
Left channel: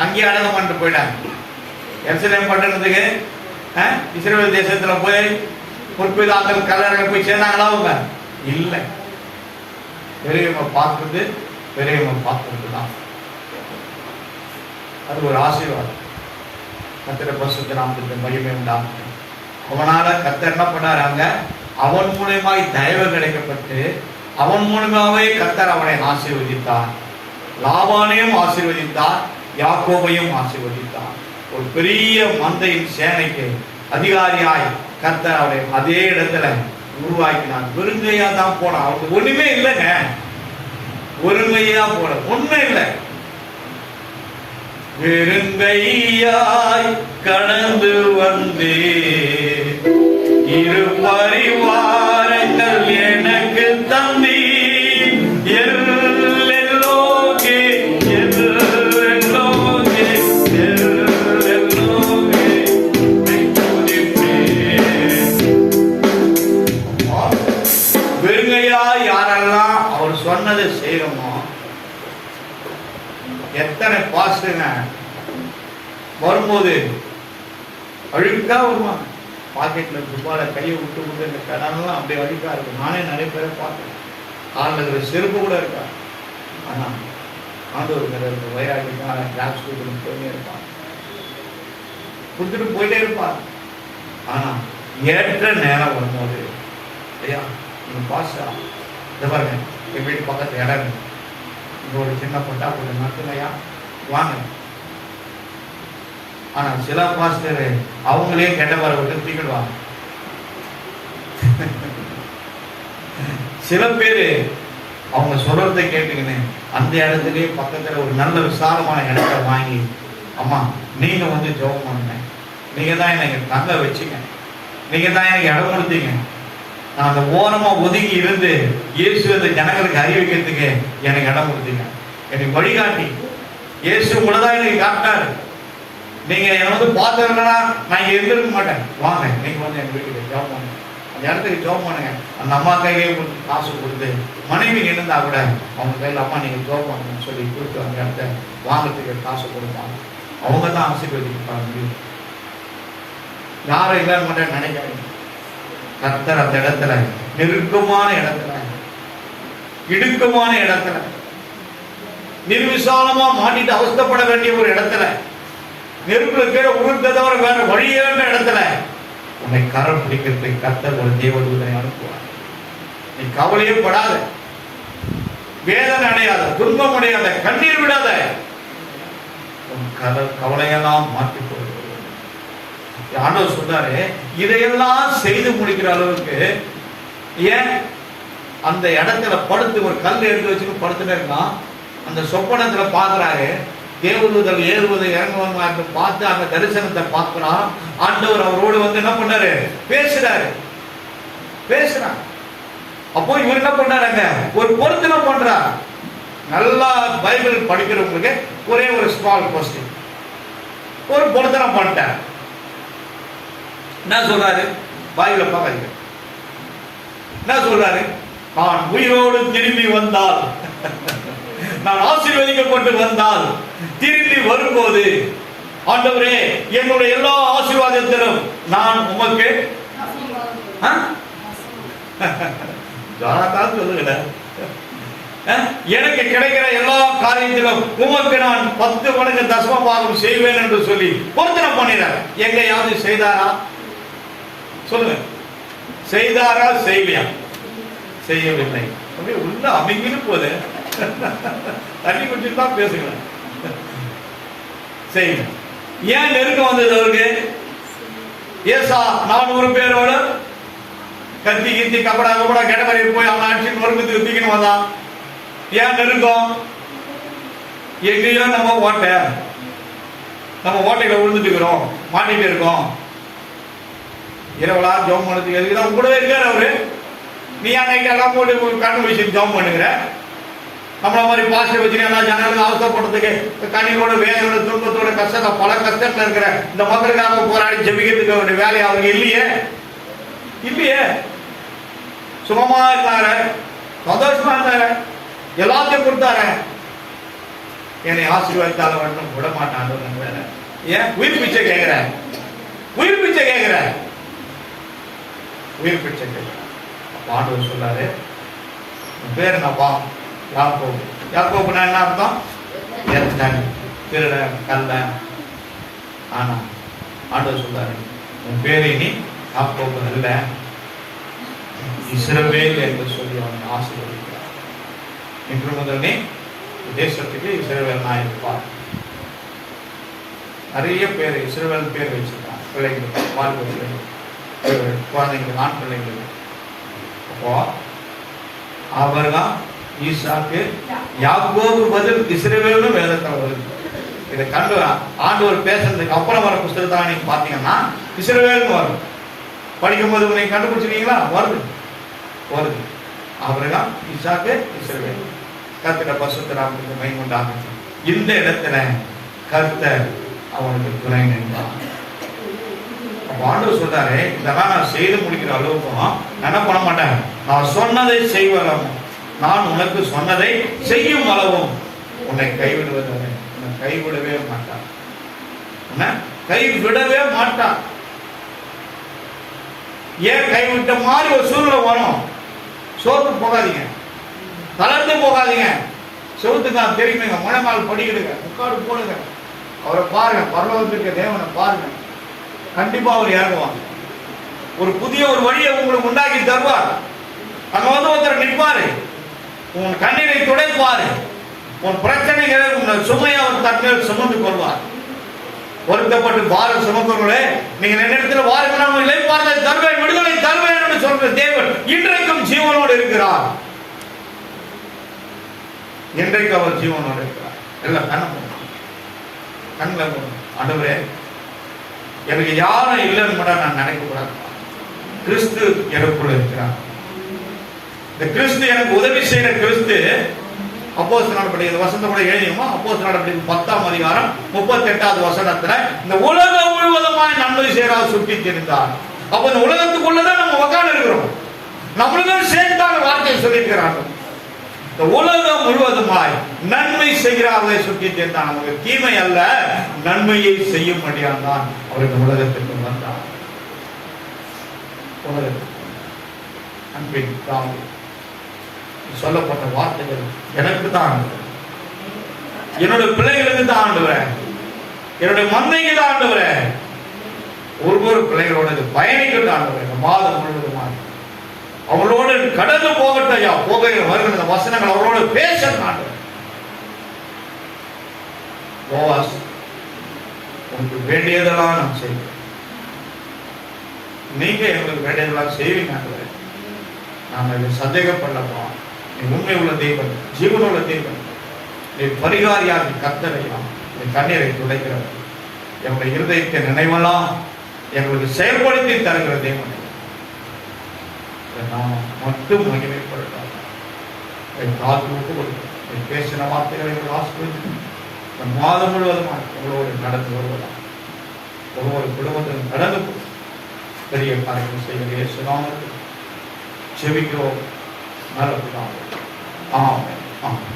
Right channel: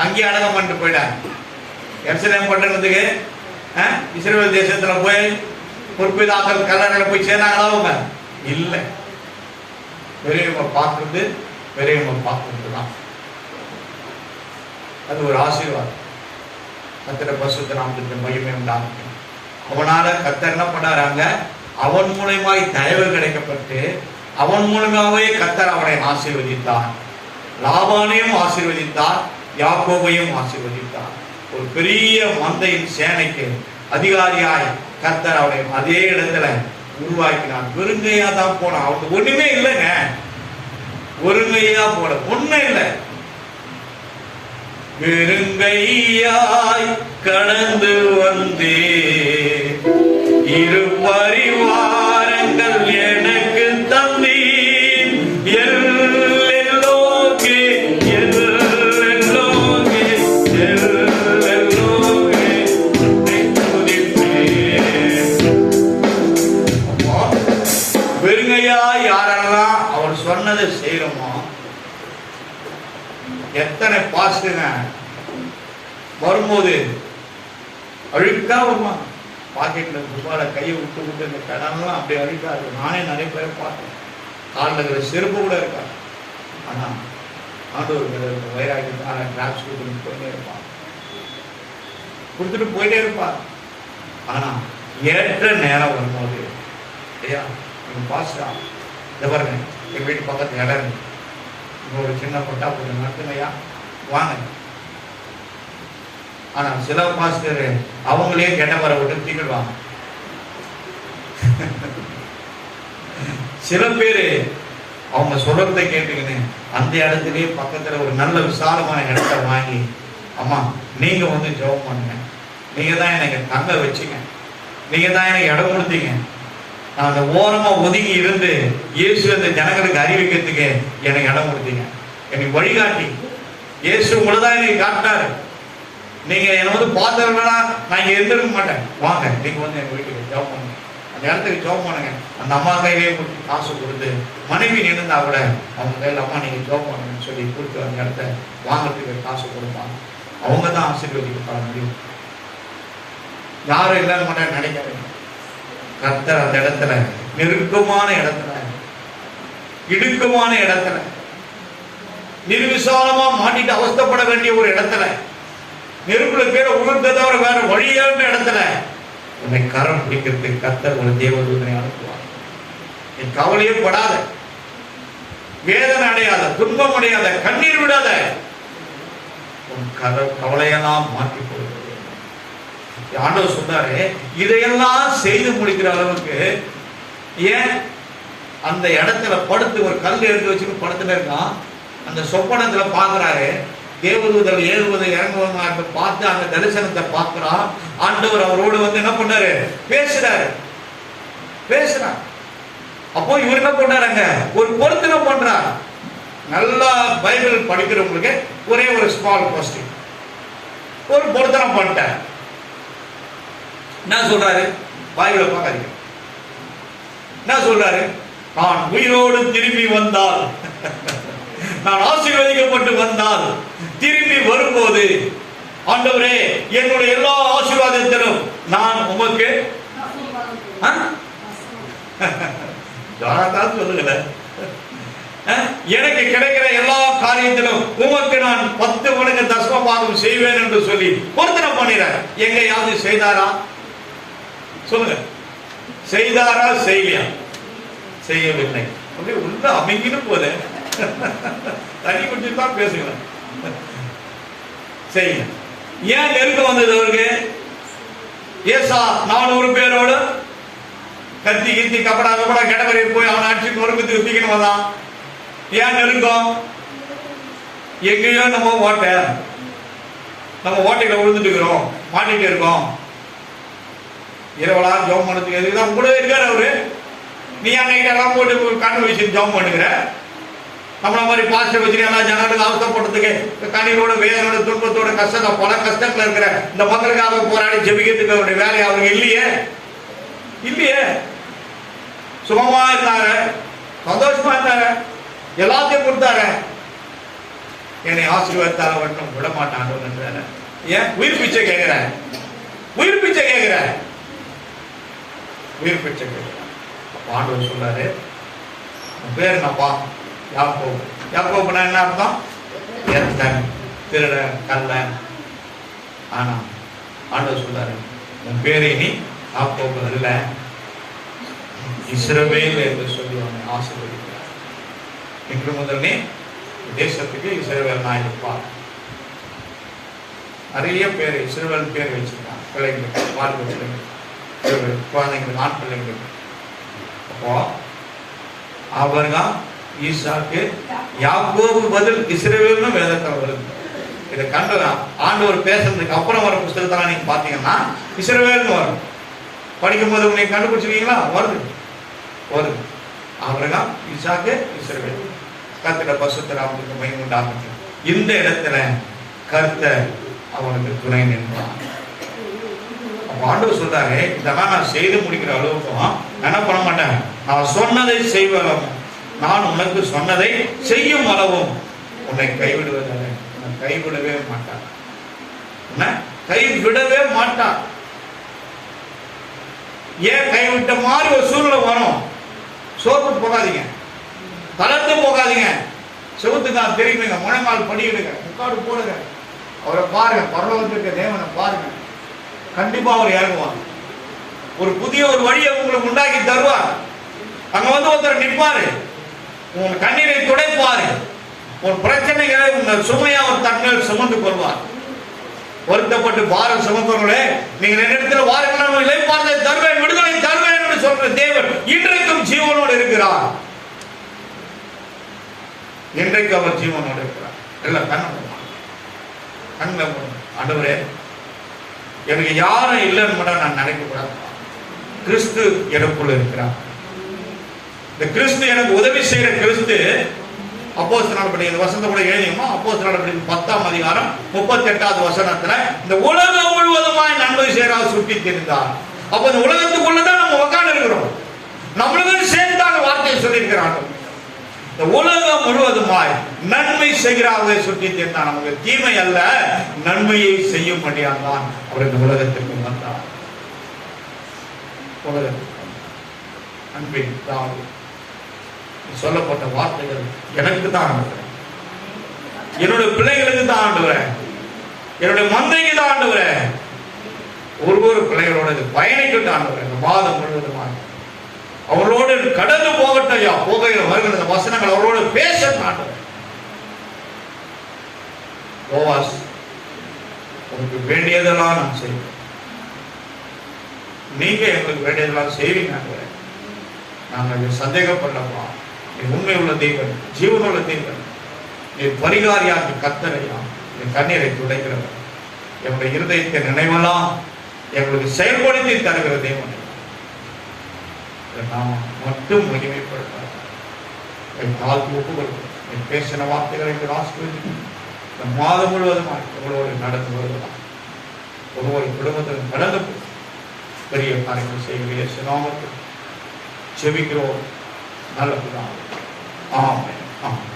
அங்கேயே அடக்கம் பண்ணிட்டு போயிட்டாங்க. எருசலேம் பட்டணத்துக்கு இஸ்ரவேல் தேசத்துல போய் பொறுப்பிதாக்கள் கல்லறைகளை போய் சேர்ந்தாங்களா அவங்க? இல்லை. பெரியவங்க பார்க்குறது பெரியவங்க பார்க்குறது தான். அது ஒரு ஆசீர்வாதம். கர்த்தருடைய பரிசுத்த நாமத்துக்கு மகிமை உண்டாகட்டும். அவனால கர்த்தர் என்ன பண்ணாராங்க? அவன் மூலமாய் தயவு கிடைக்கப்பட்டு அவன் மூலமாகவே கர்த்தர் அவனை ஆசீர்வதித்தார். லாபானையும் ஆசீர்வதித்தார், யாக்கோபையும் ஆசீர்வதித்தார். ஒரு பெரிய மந்தையின் சேனைக்கு அதிகாரியாய் கர்த்தர் அவனை அதே இடத்துல உருவாக்கினான். வெறுங்கையா தான் போனான். அவனுக்கு ஒண்ணுமே இல்லைங்க. ஒருங்கையா போல ஒண்ணும் இல்லை. வெறுங்கையாய் கடந்து வந்தே இரு பரிவாரங்கள் எனக்கு தந்தி எல்லோகே எல்லோகே எல்லோகே வெறுங்கையாய் யாரெல்லாம் அவர் சொன்னதை செய்யறோமோ, எத்தனை பாஸ்டுங்க வரும்போது அழுக்கா வருவாங்க. பாக்கெட்ல ரூபாயில கையை விட்டு விட்டு இந்த கடன்லாம் அப்படி அழுக்கா இருக்கு. நானே நிறைய பேரை பார்த்தேன். காலில் இருக்கிற செருப்பு கூட இருக்கா. ஆனா ஆண்டவர் வைராகி தான் டிராக்ஸ் கொடுத்துட்டு போயிட்டே இருப்பான், கொடுத்துட்டு போயிட்டே இருப்பான். ஆனா ஏற்ற நேரம் வரும்போது, ஐயா நீங்க பாஸ்டா இதை பாருங்க, எங்க வீட்டு பக்கத்து இடம் இருக்கு, இங்க ஒரு சின்ன பொட்டா கொஞ்சம் நடத்துலையா வாங்க. ஆனா சில பாஸ்டர் அவங்களே கெட்ட வர விட்டு தீக்கிடுவாங்க. சில பேரு அவங்க சொல்றதை கேட்டுக்கின்னு அந்த இடத்துலயே பக்கத்துல ஒரு நல்ல விசாலமான இடத்தை வாங்கி, அம்மா நீங்க வந்து ஜெபம் பண்ணுங்க, நீங்க தான் எனக்கு கண்ணை வச்சுங்க, நீங்க தான் எனக்கு இடம் கொடுத்தீங்க, நான் அந்த ஓரமா ஒதுங்கி இருந்து இயேசு அந்த ஜனங்களுக்கு அறிவிக்கிறதுக்கு எனக்கு இடம் கொடுத்தீங்க, எனக்கு வழிகாட்டி இயேசு உங்களதான் எனக்கு காட்டினாரு. நீங்க என்ன வந்து பார்த்தவர்களா நான் இங்க இருந்திருக்க மாட்டேன், வாங்க நீங்க வந்து எங்க வீட்டுக்கு ஜெபம் பண்ணுங்க, அந்த இடத்துக்கு ஜெபம் பண்ணுங்க. அந்த அம்மா கையிலேயே காசு கொடுத்து மனைவி நின்றுந்தா கூட அவங்க கையில் அம்மா நீங்க ஜெபம் பண்ணுங்கன்னு சொல்லி கூப்பிட்டு அந்த இடத்த வாங்கறதுக்கு காசு கொடுப்பாங்க. அவங்க தான் ஆசீர்வதிக்க முடியும். யாரும் இல்லாத மாட்டேன் நினைக்காதீங்க. கர்த்தர் அந்த இடத்துல நெருக்கமான இடத்துல இடுக்கமான இடத்துல நிர்விசாலமா மாட்டிட்டு அவஸ்தப்பட வேண்டிய ஒரு இடத்துல நெருப்புல கீழே உருந்த தவிர வேற வழியான இடத்துல உன்னை கரம் பிடிக்கிறதுக்கு கர்த்தர் ஒரு தேவதூதனை அனுப்புவார். நீ கவலையே படாத, வேதனை அடையாத, துன்பம் அடையாத, கண்ணீர் விடாத, உன் கவலையெல்லாம் மாற்றி கொடுக்கிறது. ஆண்டவர் சொன்னாரு, இதையெல்லாம் செய்து முடிக்கிற அளவுக்கு ஏன் அந்த இடத்துல படுத்து ஒரு கல் எடுத்து வச்சுட்டு படுத்துட்டு இருந்தான். அந்த சொப்பனத்துல பாக்குறாரு, தேவதூதர் ஏறுவது இறங்குவது பார்த்து அந்த தரிசனத்தை பார்க்கிறான். ஆண்டவர் அவரோடு வந்து என்ன பண்ணாரு, பேசுறாரு. அப்போ இவர் என்ன பண்ணாருங்க, ஒரு பொருத்தனம் பண்றார். நல்லா பைபிள் படிக்கிறவங்களுக்கு ஒரே ஒரு ஸ்மால் கொஸ்டின், ஒரு பொருத்தனம் பண்ணிட்டார். என்ன சொல்றாரு, பைபிளை பார்க்காதீங்க. என்ன சொல்றாரு, நான் உயிரோடு திரும்பி வந்தால் நான் ஆசீர்வதிக்கப்பட்டு வந்தால் திரும்பி வரும்போது ஆண்டவரே என்னுடைய எல்லா ஆசீர்வாதத்திலும் நான் உமக்கு சொல்லுங்க, எனக்கு கிடைக்கிற எல்லா காரியத்திலும் உமக்கு நான் 10 மடங்கு தசம பாகம் செய்வேன் என்று சொல்லி பொருத்தனை பண்ணிடுறேன். எங்க யாரு செய்தாரா சொல்லுங்க? செய்தாரா? செய்யலையா? செய்யவில்லை. உள்ள அமைங்கிலும் போது தண்ணி குடிச்சுட்டு தான் பேசுகிறேன். செய்யல. ஏன் நெருக்கம் வந்தது அவருக்கு? ஏசா 400 பேரோட கத்தி கித்தி கப்படா கெட்டவரை போய் அவன் அடிச்சு நொறுக்கு தூக்கின்னு வந்தான். ஏன் நெருக்கம்? எங்கேயோ நம்ம ஓட்டையில விழுந்துட்டு இருக்கிறோம், மாட்டிட்டு இருக்கோம். இரவலா ஜோம் பண்ணதுக்கு எதுக்குதான் கூட இருக்காரு அவரு. நீ அன்னைக்கு எல்லாம் போட்டு கண்ணு வச்சு ஜோம் பண்ணுகிற. நம்மள மாதிரி பாஸ்டர் வச்சு எல்லாம் ஜனங்களுக்கு அவசரப்படுறதுக்கு கண்ணியோட வேதனோட துன்பத்தோட கஷ்டத்தை பல கஷ்டத்துல இருக்கிற இந்த மக்களுக்காக போராடி ஜெபிக்கிறதுக்கு அவருடைய வேலையை அவங்க இல்லையே. சுகமா இருந்தாரு, சந்தோஷமா இருந்தாரு, எல்லாத்தையும் கொடுத்தாரு. என்னை ஆசீர்வாதத்தால மட்டும் விட மாட்டாங்க. ஏன் உயிர் பிச்சை கேட்கிற? உயிர் பிச்சை கேட்கிற? ஆண்டவர் சொல்றாரு, உன் பேரு என்னப்பா? யாக்கோபு. யாக்கோபுனா என்ன அர்த்தம்? திருடன், கள்ளன். ஆனா ஆண்டவர் சொல்றாரு, உன் பேரு இனி யாக்கோபு அல்ல, இஸ்ரவேல் என்று சொல்லி அவனை ஆசீர்வதிக்கிறார். இன்று முதல் நீ தேசத்துக்கு இஸ்ரவேல் நாயிருப்பார். நிறைய பேர் இஸ்ரவேல் பேர் வச்சிருக்கான். பிள்ளைங்களுக்கு, குழந்தைங்களுக்கு, ஆண் பிள்ளைங்களுக்கு. அப்போ அவர்தான் ஈசாக்கு, யாக்கோபு பதில் இஸ்ரவேல்னு வேதத்தில் வருது. இதை கண்டு ஆண்டவர் பேசுறதுக்கு அப்புறம் வர புஸ்தகத்தெல்லாம் நீங்க பாத்தீங்கன்னா இஸ்ரவேல்னு வரும். படிக்கும்போது உன்னை கண்டுபிடிச்சிருக்கீங்களா? வருது. அவர்தான் ஈசாக்கு, இஸ்ரவேல். கர்த்தருடைய பரிசுத்த நாமத்துக்கு மகிமை உண்டாகட்டும். இந்த இடத்துல கர்த்தர் அவனுக்கு துணை நின்றார். ஆண்டவர் சொல்றாரு, இதெல்லாம் நான் செய்து முடிக்கிற அளவுக்கும் என்ன பண்ண மாட்டேன். நான் சொன்னதை செய்வதும், நான் உனக்கு சொன்னதை செய்யும் அளவும் உன்னை கைவிடுவதில்லை. உன்னை கைவிடவே மாட்டான். உன்னை கைவிடவே மாட்டான். ஏன் கைவிட்ட மாதிரி ஒரு சூழ்நிலை வரும். சோர்ந்து போகாதீங்க, தளர்ந்து போகாதீங்க. செவுத்துக்காக தெரியுங்க, முழங்கால் படிக்கிடுங்க, முக்காடு போடுங்க, அவரை பாருங்க, பரலோகத்திற்கு தேவனை பாருங்க. கண்டிப்பா அவர் இறங்குவாங்க. ஒரு புதிய ஒரு வழியை உங்களுக்கு உண்டாக்கி தருவார். அங்க வந்து ஒருத்தர் நிற்பாரு, உன் கண்ணீரை துடைப்பாரு, உன் பிரச்சனைகளை உங்கள் சுமையை அவர் தன்மையில் சுமந்து கொள்வார். வருத்தப்பட்டு பாரம் சுமக்கிறவர்களே, நீங்க இடத்துல வாருங்கள், இளைப்பாறுதலை தருவேன், விடுதலை தருவேன் என்று சொல்ற தேவன் இன்றைக்கும் ஜீவனோடு இருக்கிறார். இன்றைக்கு அவர் ஜீவனோடு இருக்கிறார். எல்லாம் கண்ணில் ஆண்டவரே, எனக்கு யாரும் இல்லைன்னு மட்டும் நான் நினைக்கக்கூடாது. கிறிஸ்து எனக்குள்ள இருக்கிறார். இந்த கிறிஸ்து எனக்கு உதவி செய்யற கிறிஸ்து. அப்போஸ்தலர் நடபடிகள் வசனத்தை கூட எழுதியுமா? அப்போஸ்தலர் நடபடிகள் 10ஆம் அதிகாரம் 38வது வசனத்துல இந்த உலகம் முழுவதுமாய் நன்மை செய்யறார் சுட்டி தெரிந்தார். அப்ப இந்த உலகத்துக்குள்ளதான் நம்ம உட்கார்ந்து இருக்கிறோம். நம்மளுக்கும் சேர்ந்தாங்க வார்த்தையை சொல்லியிருக்கிறாங்க. இந்த உலகம் முழுவதுமாய் நன்மை செய்கிறார்களே சுற்றி தெரிந்தான். நமக்கு தீமை அல்ல, நன்மையை செய்யும் முடியாதான் அவர் இந்த உலகத்திற்கு வந்தார். அன்பின் தாய் சொல்லப்பட்ட வார்த்தைகள் எனக்கு தான், என்னுடைய பிள்ளைகளுக்கு தான் ஆண்டுகிறேன், என்னுடைய மந்தைக்கு தான் ஆண்டுகிறேன், ஒவ்வொரு பிள்ளைகளோட பயணிக்கு தான் ஆண்டுகிறேன். மாதம் முழுவதுமாக அவர்களோடு கடந்து போகட்டையா, போகையில் வருகிற வசனங்கள் அவரோடு பேச ஆண்டுகிறேன். போவாஸ், உங்களுக்கு வேண்டியதெல்லாம் நான் செய்வேன், நீங்க எங்களுக்கு வேண்டியதெல்லாம் செய்வீங்க. நாங்கள் இதை சந்தேகப்படலப்பா, நீ உண்மை உள்ள தெய்வம், ஜீவனுள்ள தெய்வம், நீ பரிகாரியாகி கர்த்தரையா, நீ கண்ணீரை துடைக்கிறவர், எங்களுடைய இருதயத்தை நினைவெல்லாம் எங்களுக்கு செயல்படுத்தி தருகிற தெய்வம். நாம மட்டும் மகிமைப்படுத்தார். கால் ஒப்பு கொடுக்கிறோம். நீ பேசின வார்த்தைகளை எங்களுக்கு ஆசீர்வதித்து மாதம் முழுவதும் எங்களோடு நடந்து வருவதாம். ஒவ்வொரு குடும்பத்திலும் நடந்து பெரிய காரியங்கள் செய்கிற சுனாமத்தில் செவிக்கிறோம். நல்ல ஆமென். ஆமென்.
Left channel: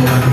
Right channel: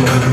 Be